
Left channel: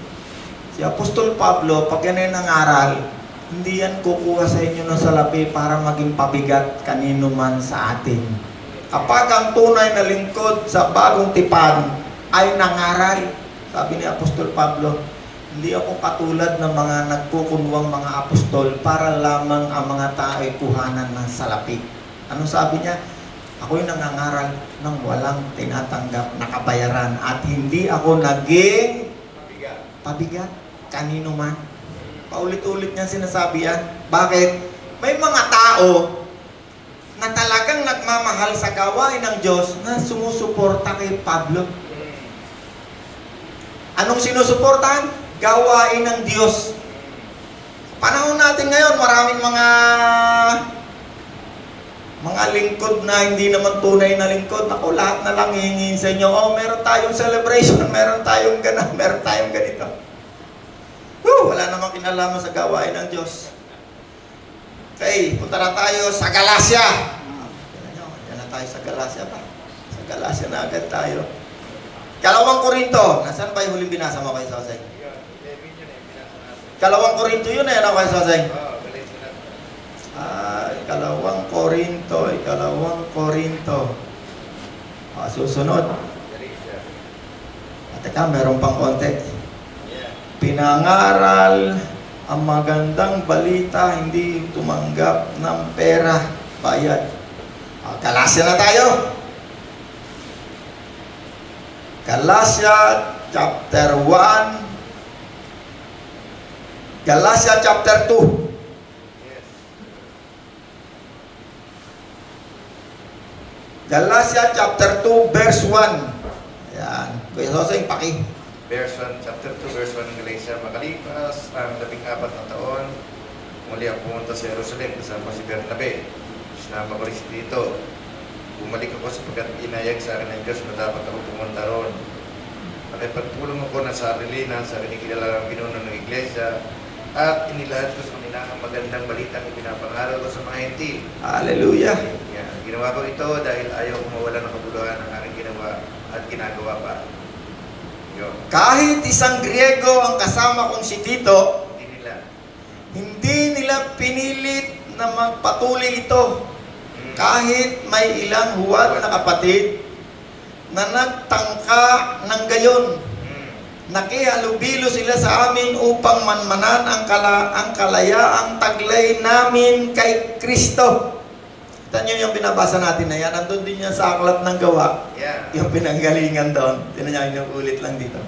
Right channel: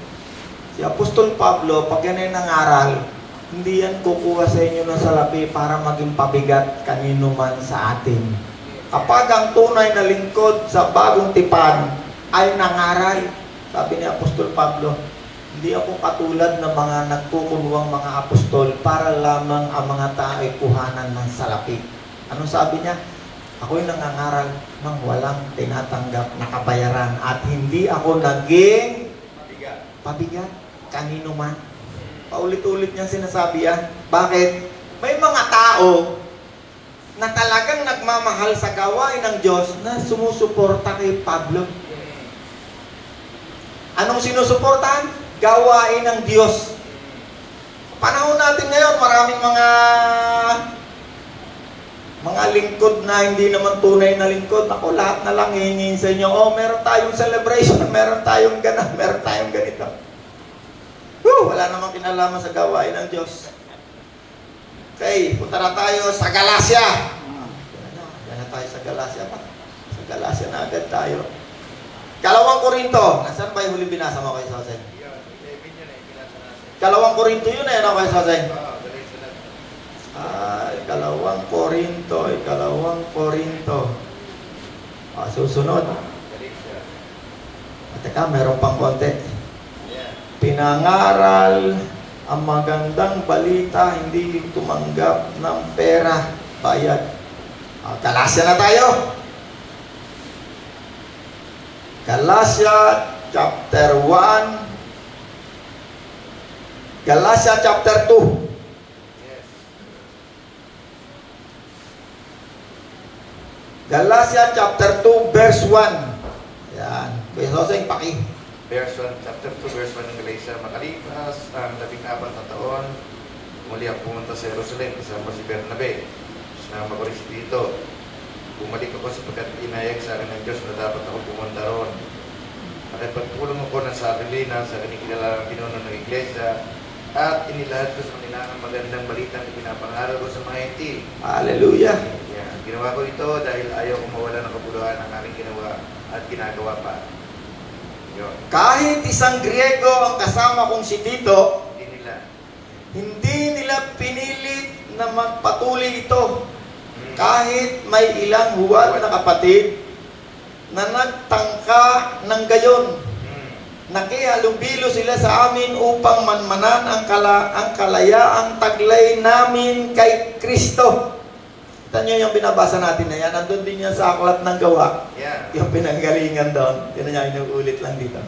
Si Apostol Pablo, pag yan ay nangaral, hindi yan kukuha sa inyo ng salapi para maging pabigat kanino man sa atin. Kapag ang tunay na lingkod sa bagong tipan ay nangaral, sabi ni Apostol Pablo, hindi ako katulad ng mga nagkukulawang mga apostol para lamang ang mga tao ay kuhanan ng salapi. Ano sabi niya? Ako'y nangangaral ng walang tinatanggap na kabayaran at hindi ako naging pabigat kanino man. Paulit-ulit niya sinasabi yan. Bakit? May mga tao na talagang nagmamahal sa gawain ng Diyos na sumusuporta kay Pablo. Anong sinusuportahan? Gawain ng Diyos. Panahon natin ngayon, maraming mga mga lingkod na hindi naman tunay na lingkod, ako lahat na lang hihingin sa inyo, oh, meron tayong celebration, meron tayong ganap, meron tayong ganito. Wala namang kinalaman sa gawain ng Diyos. Okay, punta na tayo sa Galacia. Yan na tayo sa Galacia ba? Sa Galacia na agad tayo. Kalawang Korinto. Nasaan pa yung huling binasa mo kayo sa Sasay? Kalawang Korinto yun eh, ano kayo sa Sasay? Ikalawang Korinto. Susunod. Teka, meron pang konti. Pinangaral ang magandang balita, hindi tumanggap ng pera, bayad. Galacia na tayo. Galacia chapter 1. Galacia chapter 2. Galacia chapter 2 verse 1. Yan. Kuya Joseng, paki. Verse 1, chapter 2, verse 1 ng Galacia. Makalipas ang 14 na taon, muli ako pumunta sa Jerusalem kasama si Bernabe. Sinama ko rin si Tito. Bumalik ako sapagkat inayag sa akin ng Diyos na dapat ako pumunta roon. At pagtulong ako ng sarili na sa kinikilalang pinuno ng Iglesia at inilahad ko sa kanila ang magandang balita na pinapangaral ko sa mga hintil. Hallelujah! Ginawa ko ito dahil ayaw ko mawala ng kabuluhan ng aking ginawa at ginagawa pa. Kahit isang Griego ang kasama kong si Tito, hindi nila pinilit na magpatuloy ito. Kahit may ilang huwad na kapatid na nagtangka ng gayon. Nakihalubilo sila sa amin upang manmanan ang kalayaang taglay namin kay Kristo. Kita nyo yung binabasa natin na yan. Nandun din yan sa Aklat ng Gawa. Yeah. Yung pinanggalingan doon. Tinan nyo, ulit lang dito.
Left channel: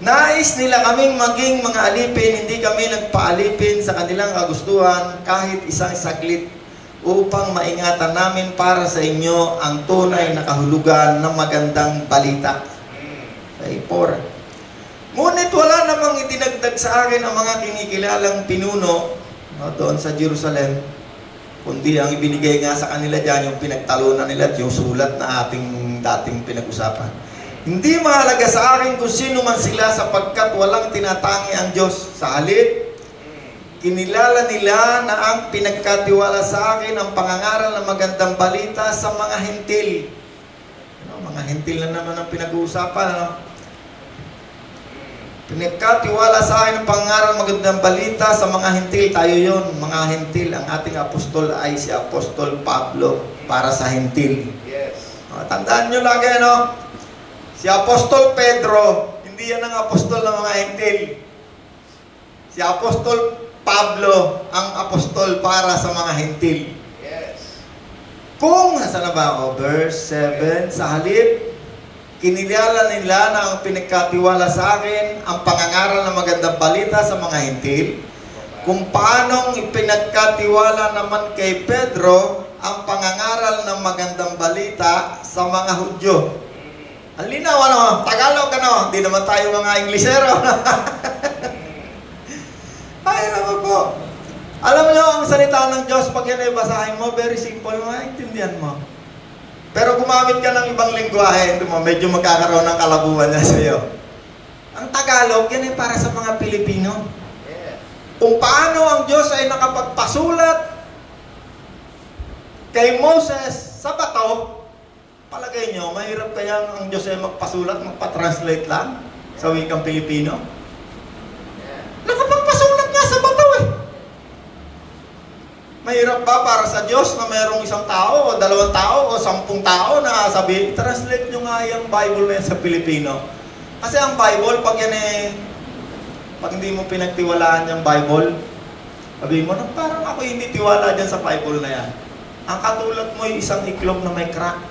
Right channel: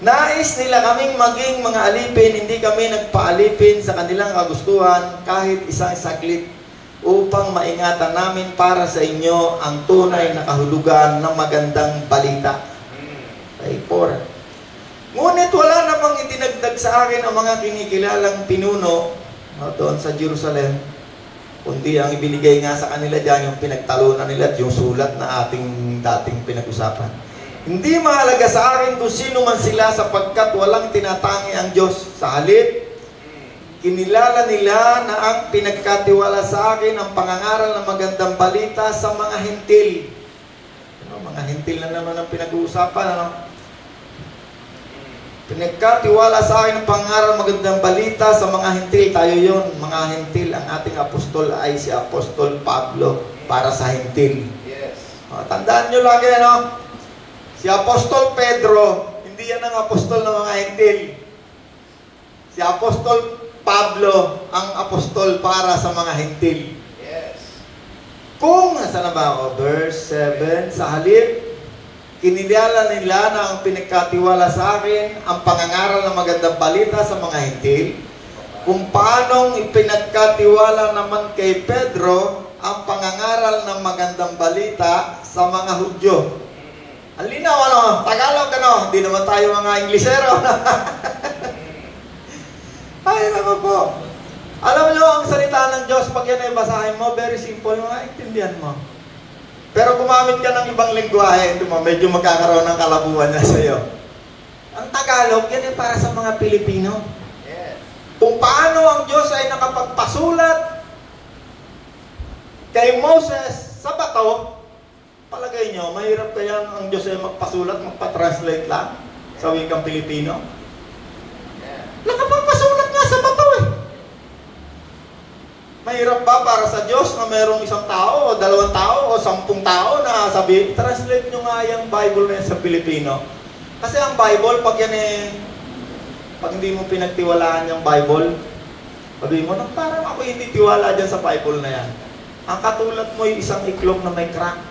Nais nila kaming maging mga alipin, hindi kami nagpaalipin sa kanilang kagustuhan kahit isang saglit upang maingatan namin para sa inyo ang tunay na kahulugan ng magandang balita. Okay, 4. Ngunit wala namang itinagdag sa akin ang mga kinikilalang pinuno doon sa Jerusalem, kundi ang ibinigay nga sa kanila dyan yung pinagtalunan nila at yung sulat na ating dating pinag-usapan. Hindi mahalaga sa akin kung sino man sila sapagkat walang tinatangi ang Diyos. Sa halip, kinilala nila na ang pinagkatiwala sa akin ang pangangaral ng magandang balita sa mga hentil. Mga hentil na naman ang pinag-uusapan. Ano? Pinagkatiwala sa akin ang pangangaral ng magandang balita sa mga hentil. Tayo yun, mga hentil. Ang ating apostol ay si Apostol Pablo para sa hentil. Yes. Tandaan nyo lagi, ano? Si Apostol Pedro, hindi yan ang apostol ng mga hentil. Si Apostol Pablo, ang apostol para sa mga hentil. Yes. Kung, nasa na ba ako? Verse 7, sa halip, kinilala nila na ang pinagkatiwala sa akin ang pangangaral ng magandang balita sa mga hentil, kung paanong ipinagkatiwala naman kay Pedro ang pangangaral ng magandang balita sa mga Hudyo. Ang linaw, ano? Tagalog, ano? Hindi naman tayo mga Inglesero. Ay, naman po. Alam nyo, ang salita ng Diyos, pag yan ay basahin mo, very simple, maintindihan mo. Pero gumamit ka ng ibang lingwahe, medyo magkakaroon ng kalabuhan na sa iyo. Ang Tagalog, yan ay para sa mga Pilipino. Yes. Kung paano ang Diyos ay nakapagpasulat kay Moses sa bato, palagay nyo, mahirap kaya ang Diyos ay magpasulat, magpa-translate lang sa wikang Pilipino? Yeah. Nakapagpasulat nga sa bato eh. Mahirap ba para sa Diyos na mayroong isang tao o 2 tao o 10 tao na sabihin, translate nyo nga yung Bible na yan sa Pilipino? Kasi ang Bible, pag yan pag hindi mo pinagtiwalaan yung Bible, sabihin mo, parang ako hindi tiwala dyan sa Bible na yan. Ang katulad mo yung isang iklog na may crack.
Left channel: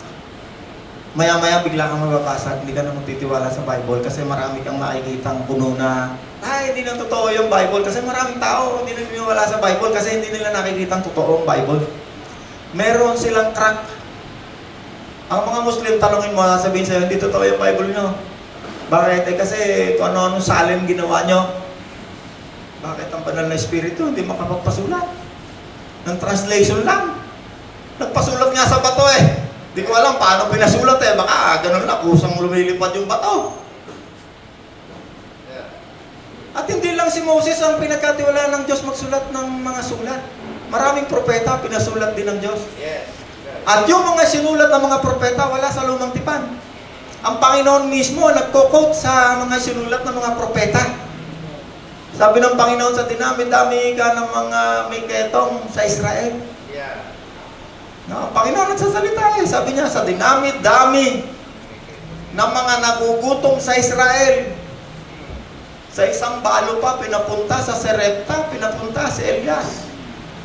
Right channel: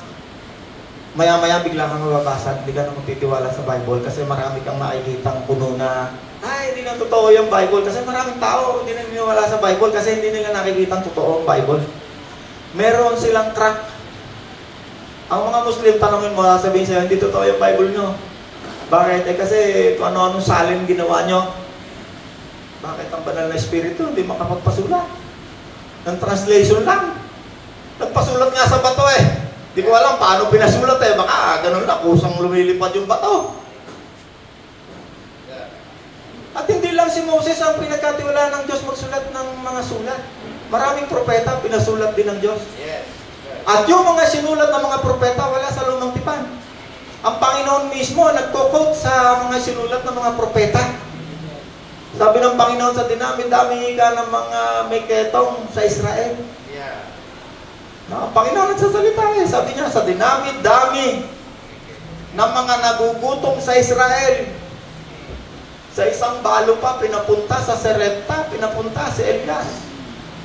Maya-maya bigla kang mababasa, hindi ka na magtitiwala sa Bible kasi marami kang nakikitang puno na hindi na totoo yung Bible kasi maraming tao hindi na niniwala sa Bible kasi hindi nila nakikitang totoo ang Bible. Meron silang crack. Ang mga Muslim, tanongin mo, sabihin sa'yo, hindi totoo yung Bible nyo. Bakit? Kasi ano-anong salin ginawa nyo. Bakit ang banal na espiritu hindi makapagpasulat? Ng translation lang. Nagpasulat nga nga sa bato eh. Di ko alam paano pinasulat eh. Baka ganun lang, kusang lumilipad yung bato. At hindi lang si Moses ang pinagkatiwalaan ng Diyos magsulat ng mga sulat. Maraming propeta pinasulat din ng Diyos. At yung mga sinulat ng mga propeta wala sa lumang tipan. Ang Panginoon mismo nagko-quote sa mga sinulat ng mga propeta. Sabi ng Panginoon, sa dinami-dami ka ng mga may ketong sa Israel. No, ang Panginoon nagsasalita eh. Sabi niya, sa dinami-dami ng mga nagugutom sa Israel. Sa isang balo pa, pinapunta sa Serepta, pinapunta si Elias.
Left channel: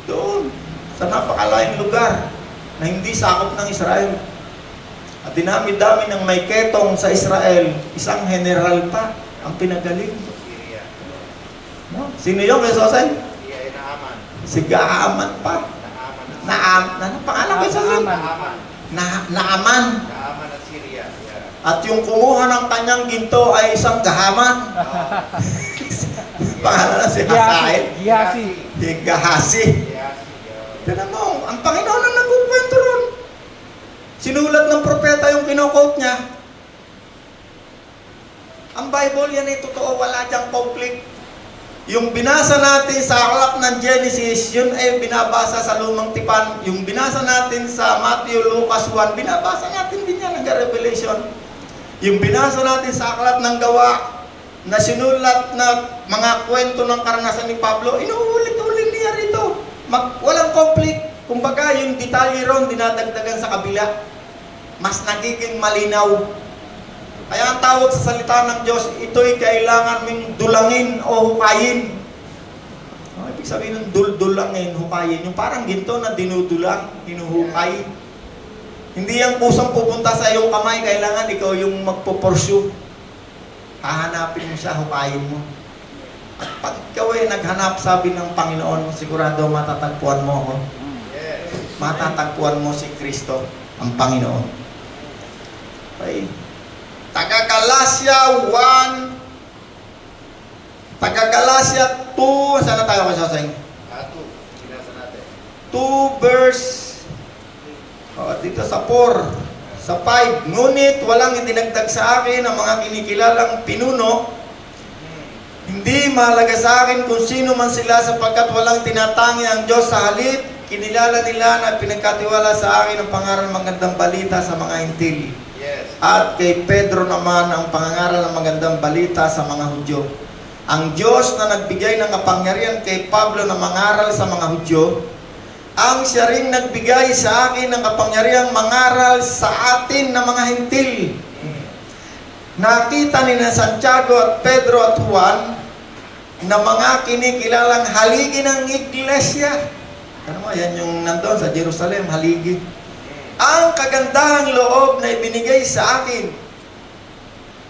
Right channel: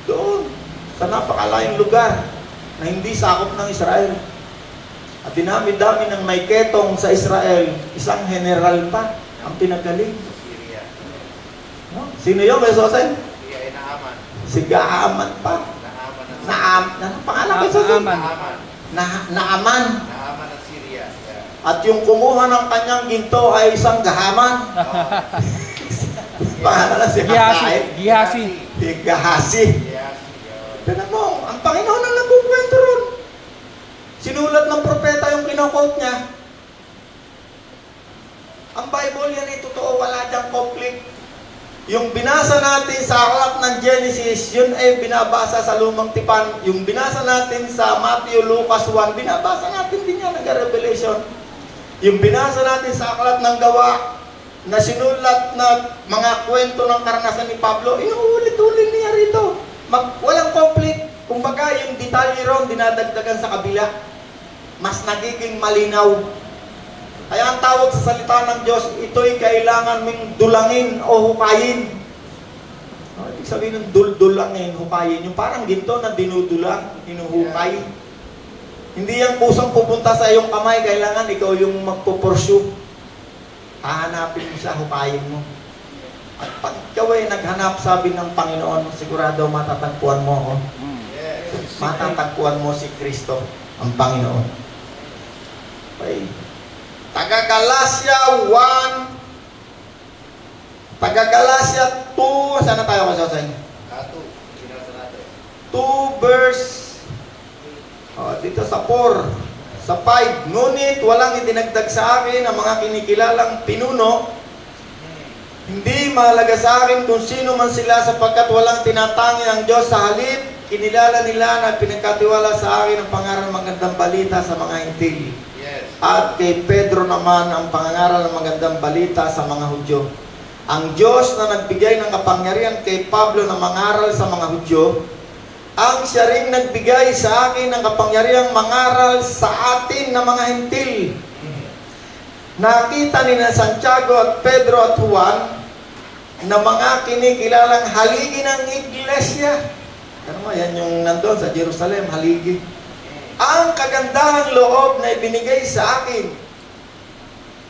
Doon, sa napakalayang lugar na hindi sakop ng Israel. At dinami-dami ng may ketong sa Israel, isang general pa ang pinagaling. No? Sino yun, may Sosen? Si Gaaman pa. Anong pangalan kay Sosen? Naaman. At yung kumuha ng kanyang ginto ay isang Gahaman. Pangalan si Gihasi. Gahasi. Tignan mo, ang Panginoon ang nagkukwento ron. Sinulat ng propeta yung kinukot niya. Ang Bible yan ay totoo, wala diyang conflict. Yung binasa natin sa aklat ng Genesis, yun ay binabasa sa lumang tipan. Yung binasa natin sa Matthew, Lucas 1, binabasa natin din yan ng Revelation. Yung binasa natin sa aklat ng Gawa, na sinulat na mga kwento ng karanasan ni Pablo, inuulit-ulit niya rito. Walang conflict. Kumbaga, yung detalye ron, dinadagdagan sa kabila. Mas nagiging malinaw. Kaya ang tawag sa salita ng Diyos, ito'y kailangan mong dulangin o hukayin. Ibig sabihin ng dulangin, hukayin. Yung parang ginto na dinudulang, hinuhukay. Hindi yan pusong pupunta sa iyong kamay, kailangan ikaw yung magpupursue. Hahanapin mo siya, hukayin mo. At pag ikaw ay naghanap, sabi ng Panginoon, sigurado matatagpuan mo ako. Matatagpuan mo si Kristo, ang Panginoon. Okay. Taga-Galasya 1, Taga-Galasya 2, saan na tayo masasayang? 2 verse dito sa 4, sa 5, ngunit walang idinagdag sa akin ang mga kinikilalang pinuno. Hindi mahalaga sa akin kung sino man sila sapagkat walang tinatangi ang Diyos. Sa halip, kinilala nila na pinagkatiwala sa akin ang pangaral ng magandang balita sa mga hintil. At kay Pedro naman ang pangangaral ng magandang balita sa mga Hudyo. Ang Diyos na nagbigay ng kapangyarihan kay Pablo na mangaral sa mga Hudyo, ang siya rin nagbigay sa akin ng kapangyarihang mangaral sa atin na mga hintil. Nakita ni na Santiago at Pedro at Juan na mga kinikilalang haligi ng iglesia. Ano yan yung nandun sa Jerusalem, haligi. Ang kagandahang loob na ibinigay sa akin.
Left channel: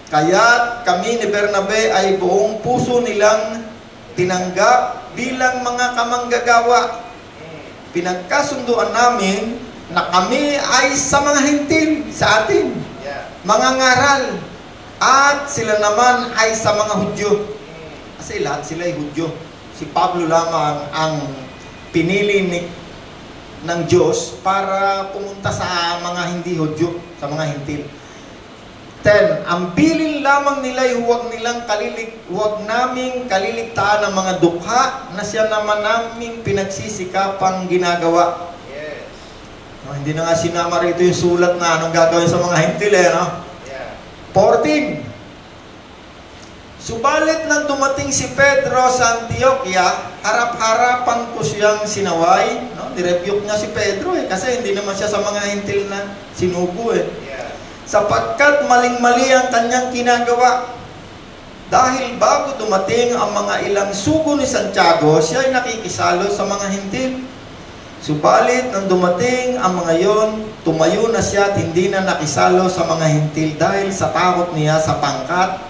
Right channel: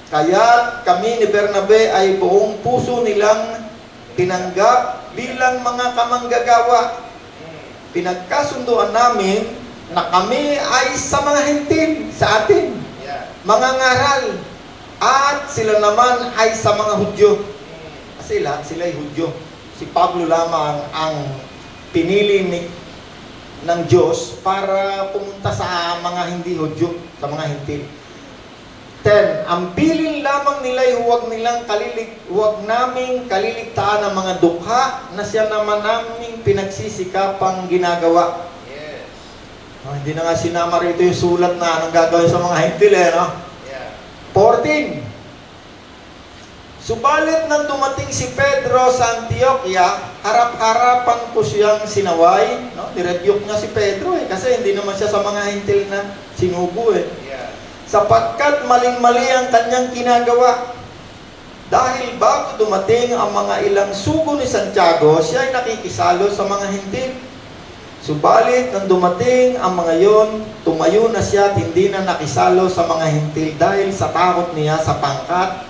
Kaya kami ni Bernabe ay buong puso nilang tinanggap bilang mga kamanggagawa. Pinagkasunduan namin na kami ay sa mga hintil sa atin, mga ngaral, at sila naman ay sa mga Hudyo. Kasi lahat sila ay Hudyo. Si Pablo lamang ang pinili ng Diyos para pumunta sa mga hindi Hudyo, sa mga hintil. 10. Ang bilin lamang nila ay huwag naming kaliligtaan ang mga dukha na siya naman naming pinagsisikapang ginagawa. Hindi na nga sinama rito yung sulat na anong gagawin sa mga hintil no? 14. Subalit nang dumating si Pedro sa Antioquia, harap-harapan ko siyang sinaway. No? Direbyok niya si Pedro kasi hindi naman siya sa mga hintil na sinubo sapagkat maling-mali ang kanyang ginagawa. Dahil bago dumating ang mga ilang sugo ni Santiago, siya ay nakikisalo sa mga hintil. Subalit nang dumating ang mga yon, tumayo na siya at hindi na nakisalo sa mga hintil dahil sa takot niya sa pangkat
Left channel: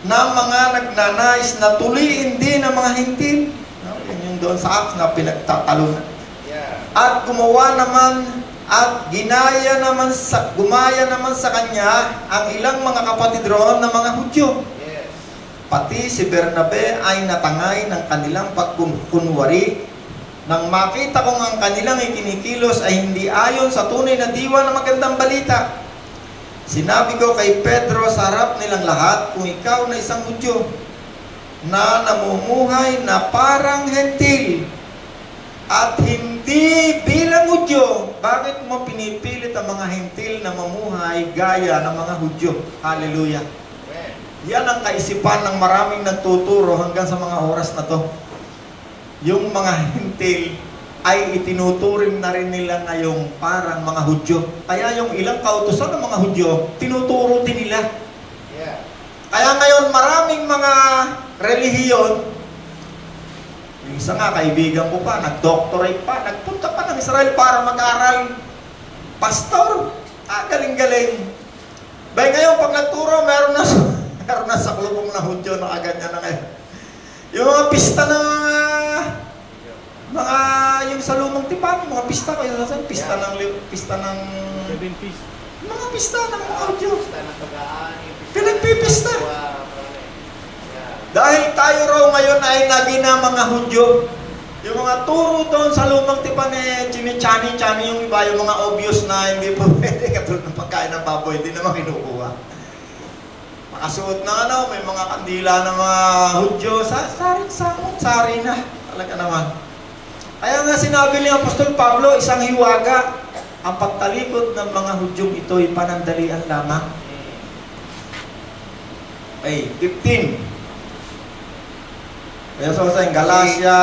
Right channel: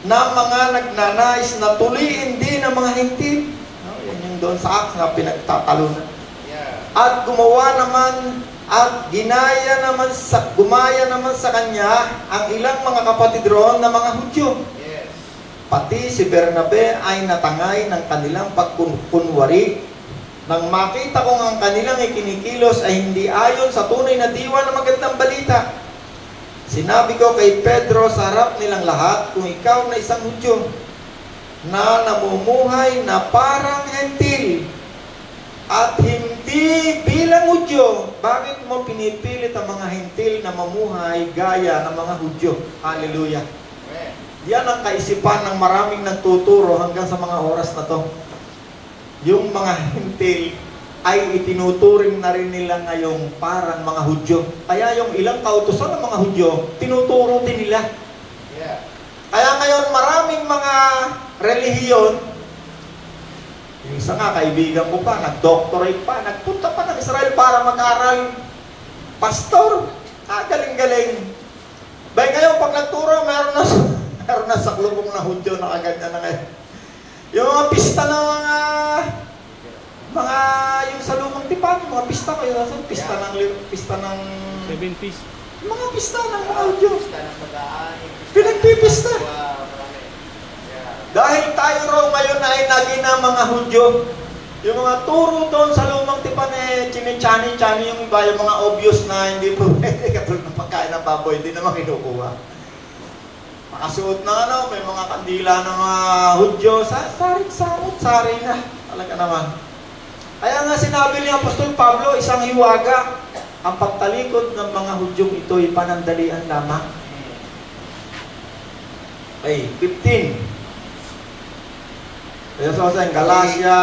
ng mga nagnanais na tuliin din ang mga hintil. Yan yung doon sa Acts na pinagtatalunan. At gumaya naman sa kanya ang ilang mga kapatid roon na mga Hudyo. Pati si Bernabe ay natangay ng kanilang pagkunwari Nang makita kong ang kanilang ikinikilos ay hindi ayon sa tunay na diwa ng magandang balita, sinabi ko kay Pedro sa harap nilang lahat, kung ikaw na isang Hudyo na namumuhay na parang hentil at hindi bilang Hudyo, bakit mo pinipilit ang mga hentil na mamuhay gaya ng mga Hudyo? Hallelujah! Yan ang kaisipan ng maraming nagtuturo hanggang sa mga oras na to. Yung mga hentil ay itinuturing na rin nila ngayong parang mga Hudyo. Kaya yung ilang kautusan ng mga Hudyo, tinuturo din nila. Yeah. Kaya ngayon maraming mga relihiyon, yung isa nga kaibigan ko pa, nag-doctorate pa, nagpunta pa ng Israel para mag-aral. Pastor, galing-galing. Bay ngayon pag nagturo, meron na sa klubong na Hudyo, no, agad na ngayon. Yung mga pista na mga yung sa lumang tipan, yung mga pista kayo nasan, pista ng 70s. Mga pista ng mga Hudyo. Pinagpipista. Dahil tayo raw ngayon ay naging ng mga Hudyo. Yung mga turo doon sa lumang tipan chini-chani yung iba, yung mga obvious na hindi po pwede katulad ng pagkain ng baboy, hindi naman kinukuha. Nakasuot na may mga kandila ng mga Hudyo, sari na. Talaga naman. Kaya nga sinabi ni Apostol Pablo, isang hiwaga, ang pagtalikod ng mga Hudyong ito ay panandalian lamang. Ay, 15. Kaya sa Galatia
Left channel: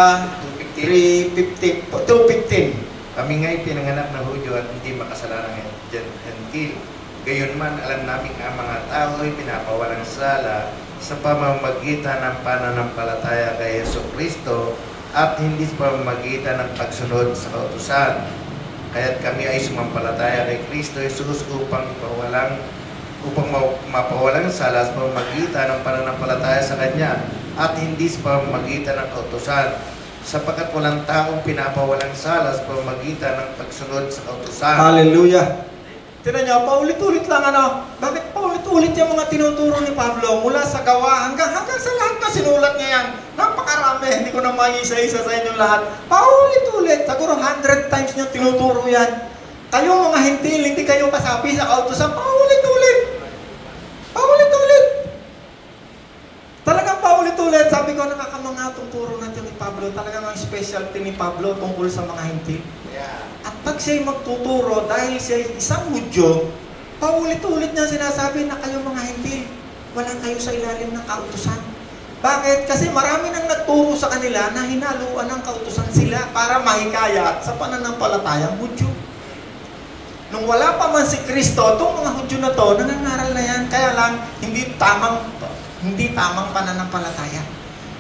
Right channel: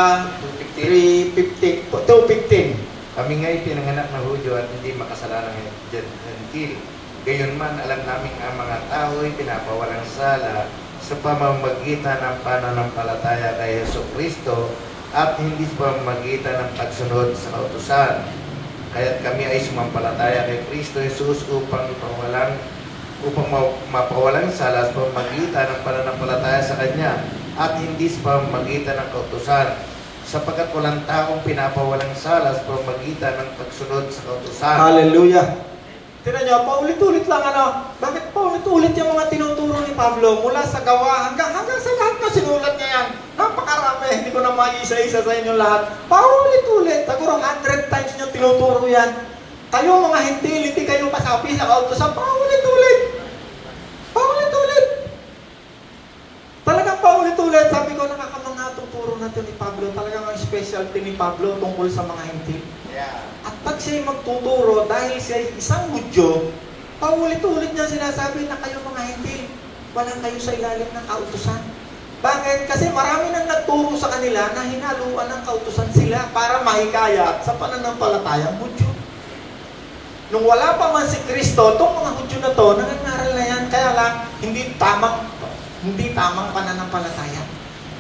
3:15. 2:15. Kami nga'y pinanganak na Hudyo at hindi makasalanang hentil. Gayunman, alam namin ang mga tao ay pinapawalang sala sa pamamagitan ng pananampalataya kay Jesucristo at hindi sa pamamagitan ng pagsunod sa kautusan. Kaya't kami ay sumampalataya kay Kristo Jesus upang mapawalang sala sa pamamagitan ng pananampalataya sa Kanya at hindi sa pamamagitan ng kautusan, sapagkat walang taong pinapawalang sala sa pamamagitan ng pagsunod sa kautusan. Hallelujah! Tira niyo, paulit-ulit lang bakit paulit-ulit yung mga tinuturo ni Pablo mula sa gawa hanggang sa lahat na sinulat niya yan. Napakarami, hindi ko na mag-isa-isa sa inyo lahat. Paulit-ulit, siguro 100 times niyo tinuturo yan. Kayo mga hentil, hindi kayo kasapi sa kautusan, paulit-ulit. Paulit-ulit. Talagang paulit-ulit. Sabi ko, nakakamanga itong turo natin ni Pablo. Talagang ang specialty ni Pablo tungkol sa mga hentil. At pag siya'y magtuturo, dahil siya'y isang Hudyo, paulit-ulit niya sinasabi na kayo mga hentil, walang kayo sa ilalim ng kautusan. Bakit? Kasi marami nang nagturo sa kanila na hinaluan ng kautusan sila para mahikayat sa pananampalatayang Hudyo. Nung wala pa man si Kristo, itong mga Hudyo na to, nangangaral na yan, kaya lang, hindi tamang pananampalataya.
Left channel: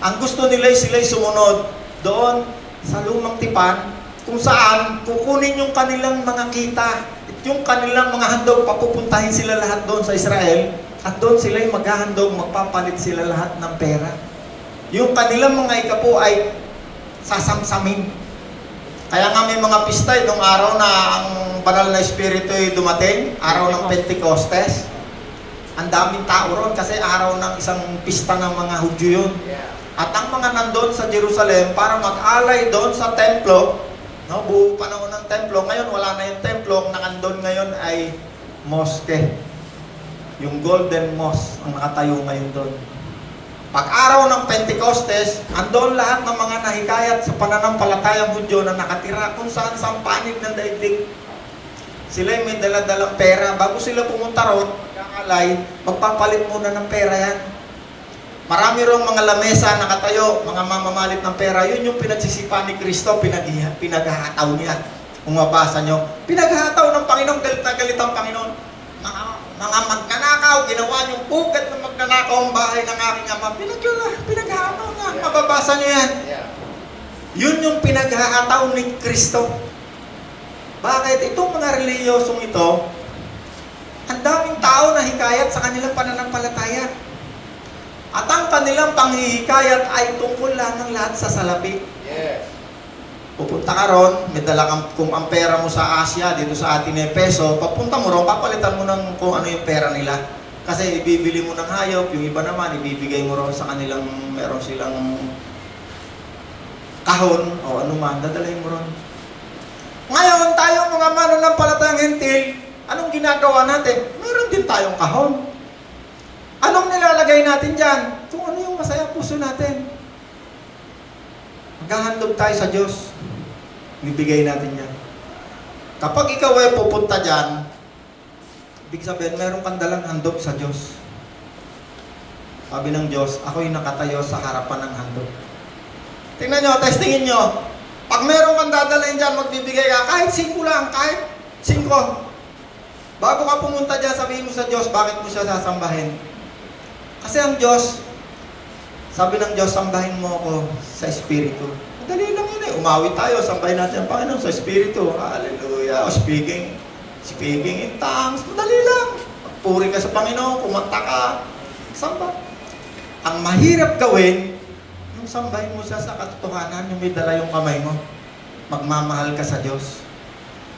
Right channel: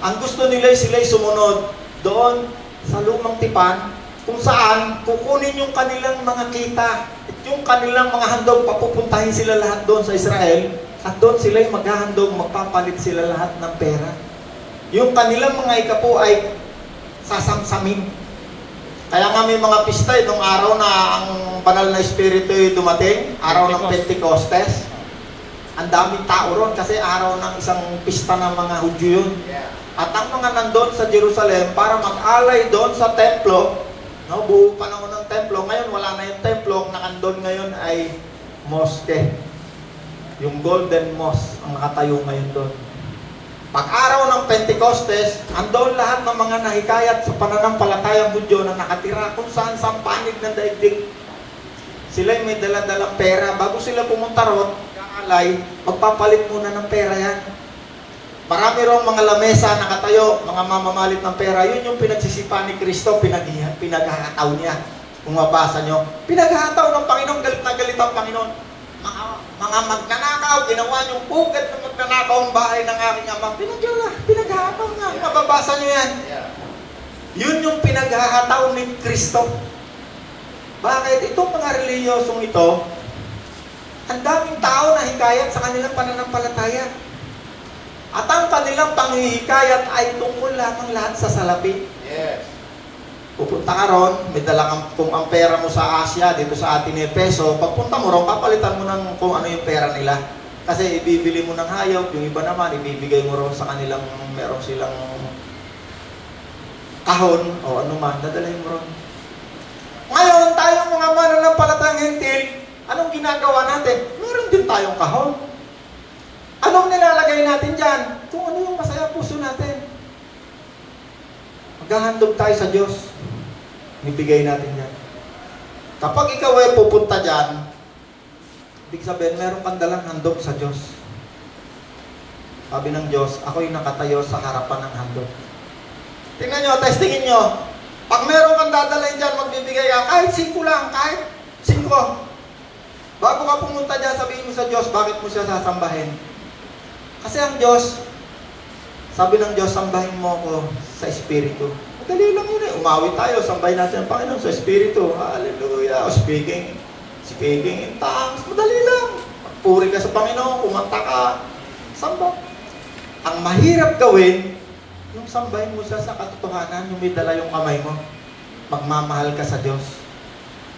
Ang gusto nila sila'y sumunod doon sa lumang tipan, kung saan kukunin yung kanilang mga kita at yung kanilang mga handog, papupuntahin sila lahat doon sa Israel at doon sila'y maghahandog, magpapalit sila lahat ng pera. Yung kanilang mga ikapo ay sasamsamin. Kaya nga may mga pista nung araw na ang banal na espiritu ay dumating, araw ng Pentecostes. Ang daming tao ron kasi araw ng isang pista ng mga Hudyo yun. At ang mga nandun sa Jerusalem para mag-alay doon sa templo, buong panahon ng templo, ngayon wala na yung templo, ang nakandun ngayon ay mosque. Yung Golden Mosque ang nakatayo ngayon doon. Pag-araw ng Pentecostes, andon lahat ng mga nahikayat sa pananampalatayang Hudyo na nakatira kung saan sa panig ng daigdig. Sila may dala-dalang pera. Bago sila pumunta ron, magkakalay, magpapalit muna ng pera yan. Marami ron mga lamesa nakatayo, mga mamamalit ng pera. Yun yung pinagsisipan ni Kristo, pinaghahataw niya. Kung mabasa nyo, pinaghahataw ng Panginoon, galit na galit ang Panginoon. Mga magnanakaw, ginawa yung bukat ng magnanakaw ang bahay ng aking ama. Pinaghahataw nga, mababasa nyo yan. Yun yung pinaghahataw ni Kristo. Bakit? Itong mga reliyosong ito, ang daming tao na hikayat sa kanilang pananampalataya. At ang kanilang panghihikayat ay tungkol lamang lahat sa salapi. Yes. Pupunta ka ron, may dala kung ang pera mo sa Asia, dito sa atin ay peso, pagpunta mo ron, papalitan mo ng kung ano yung pera nila. Kasi ibibili mo ng hayop, yung iba naman, ibibigay mo ron sa kanilang, meron silang kahon, o ano man, dadalhin mo ron. Ngayon, tayo mga mananampalatayang hentil, anong ginagawa natin? Meron din tayong kahon. Anong nilalagay natin dyan? Kung ano yung masaya puso natin. Maghahandog tayo sa Diyos. Ibigay natin yan. Kapag ikaw ay pupunta dyan, ibig sabihin, meron kang dalang handog sa Diyos. Sabi ng Diyos, ako'y nakatayo sa harapan ng handog. Tingnan nyo, testingin nyo. Pag meron kang dadalhin dyan, magbibigay ka, kahit 5 lang, kahit 5. Bago ka pumunta dyan, sabihin mo sa Diyos, bakit mo siya sasambahin? Kasi ang Diyos, sabi ng Diyos, sambahin mo ako sa Espiritu. Dali lang yun eh. Umawi tayo, sambahin natin ang Panginoon sa Espiritu. Hallelujah. Speaking in tongues. Dali lang. Puri ka sa Panginoon, kumanta ka. Samba. Ang mahirap gawin, yung sambahin mo siya sa katotohanan, yung may dala yung kamay mo. Magmamahal ka sa Diyos.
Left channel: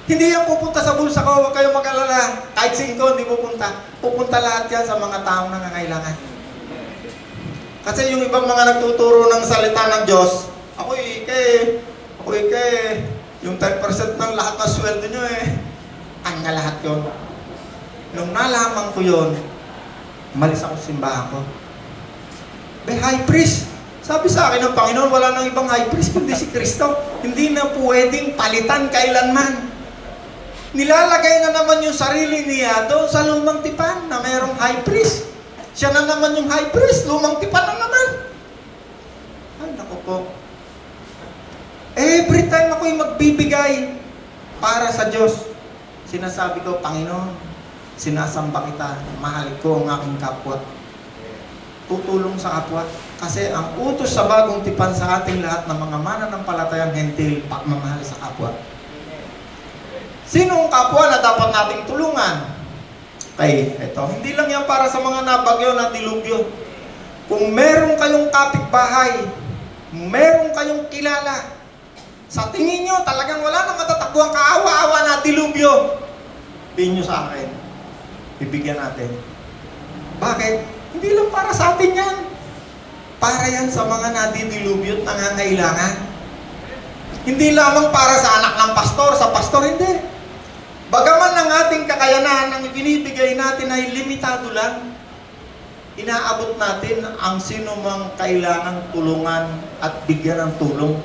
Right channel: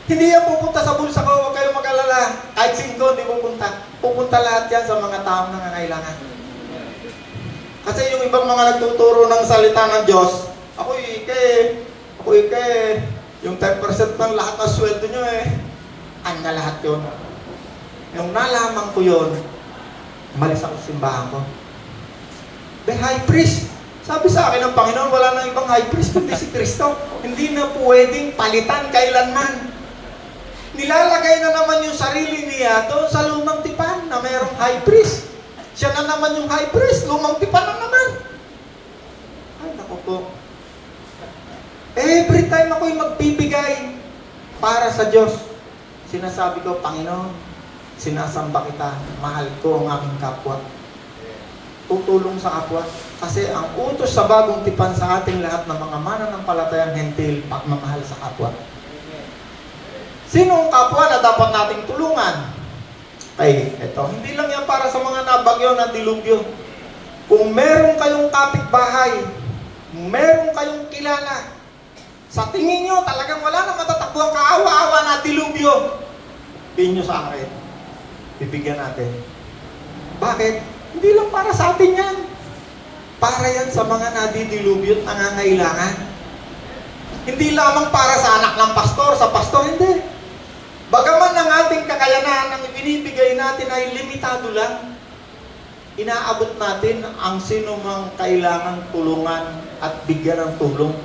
Hindi yan pupunta sa bulsa ko, huwag kayong mag-alala. Kahit 5, hindi pupunta. Pupunta lahat yan sa mga taong nangangailangan. Kasi yung ibang mga nagtuturo ng salita ng Diyos, ako yung 10% ng lahat ng sweldo nyo na lahat yun. Nung nalaman ko yun, malis ako sa simbahan ko. High priest. Sabi sa akin ng Panginoon, wala nang ibang high priest kundi si Kristo. Hindi na pwedeng palitan kailanman. Nilalagay na naman yung sarili niya doon sa lumang tipan na mayroong high priest. Siya na naman yung high priest, lumang tipan na naman. Ay, naku po. Every time ako'y magbibigay para sa Diyos, sinasabi ko, Panginoon, sinasamba kita, mahal ko ang aking kapwa. Tutulong sa kapwa. Kasi ang utos sa bagong tipan sa ating lahat ng mga mananampalatayang hentil, pagmamahal sa kapwa. Sino ang kapwa na dapat nating tulungan? Okay, ito. Hindi lang yan para sa mga nabagyo na dilubyo. Kung meron kayong kapitbahay, meron kayong kilala, sa tingin nyo talagang wala nang matatakbuhan kaawa-awa na dilubyo, sabihin nyo sa akin. Bibigyan natin. Bakit? Hindi lang para sa atin yan. Para yan sa mga nadidilubyo at nangangailangan. Hindi lamang para sa anak ng pastor, sa pastor, hindi. Bagaman ng ating kakayanan, ang binibigay natin ay limitado lang, inaabot natin ang sinumang kailangang tulungan at bigyan ng tulong.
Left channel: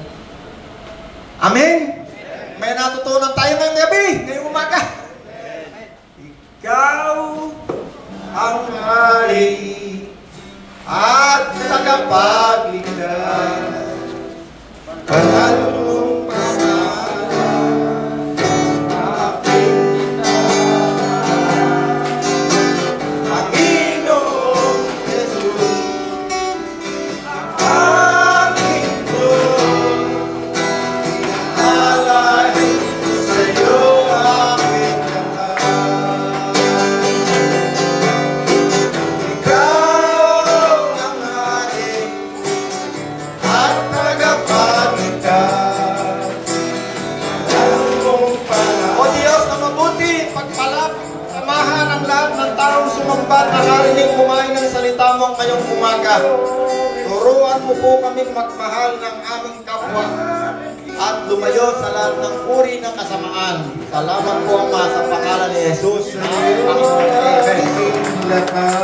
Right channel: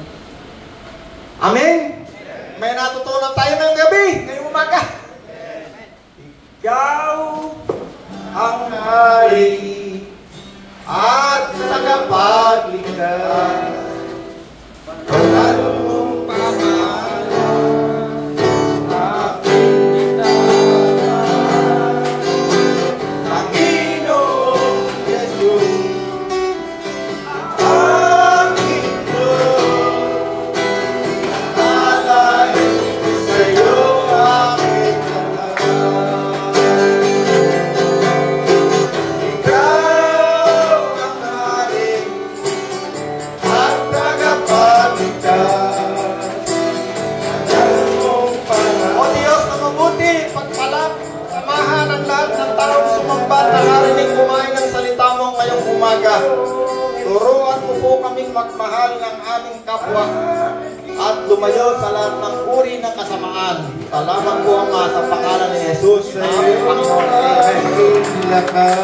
Amen? May natutunan tayo ngayong gabi, ngayong umaga. Ikaw ang hari at tagapagligtas. Kalulong turuan mo po kaming magmahal ng aming kapwa at lumayo sa lahat ng uri ng kasamaan. Salamat po, Ama, sa pangalan ni Jesus. Amen.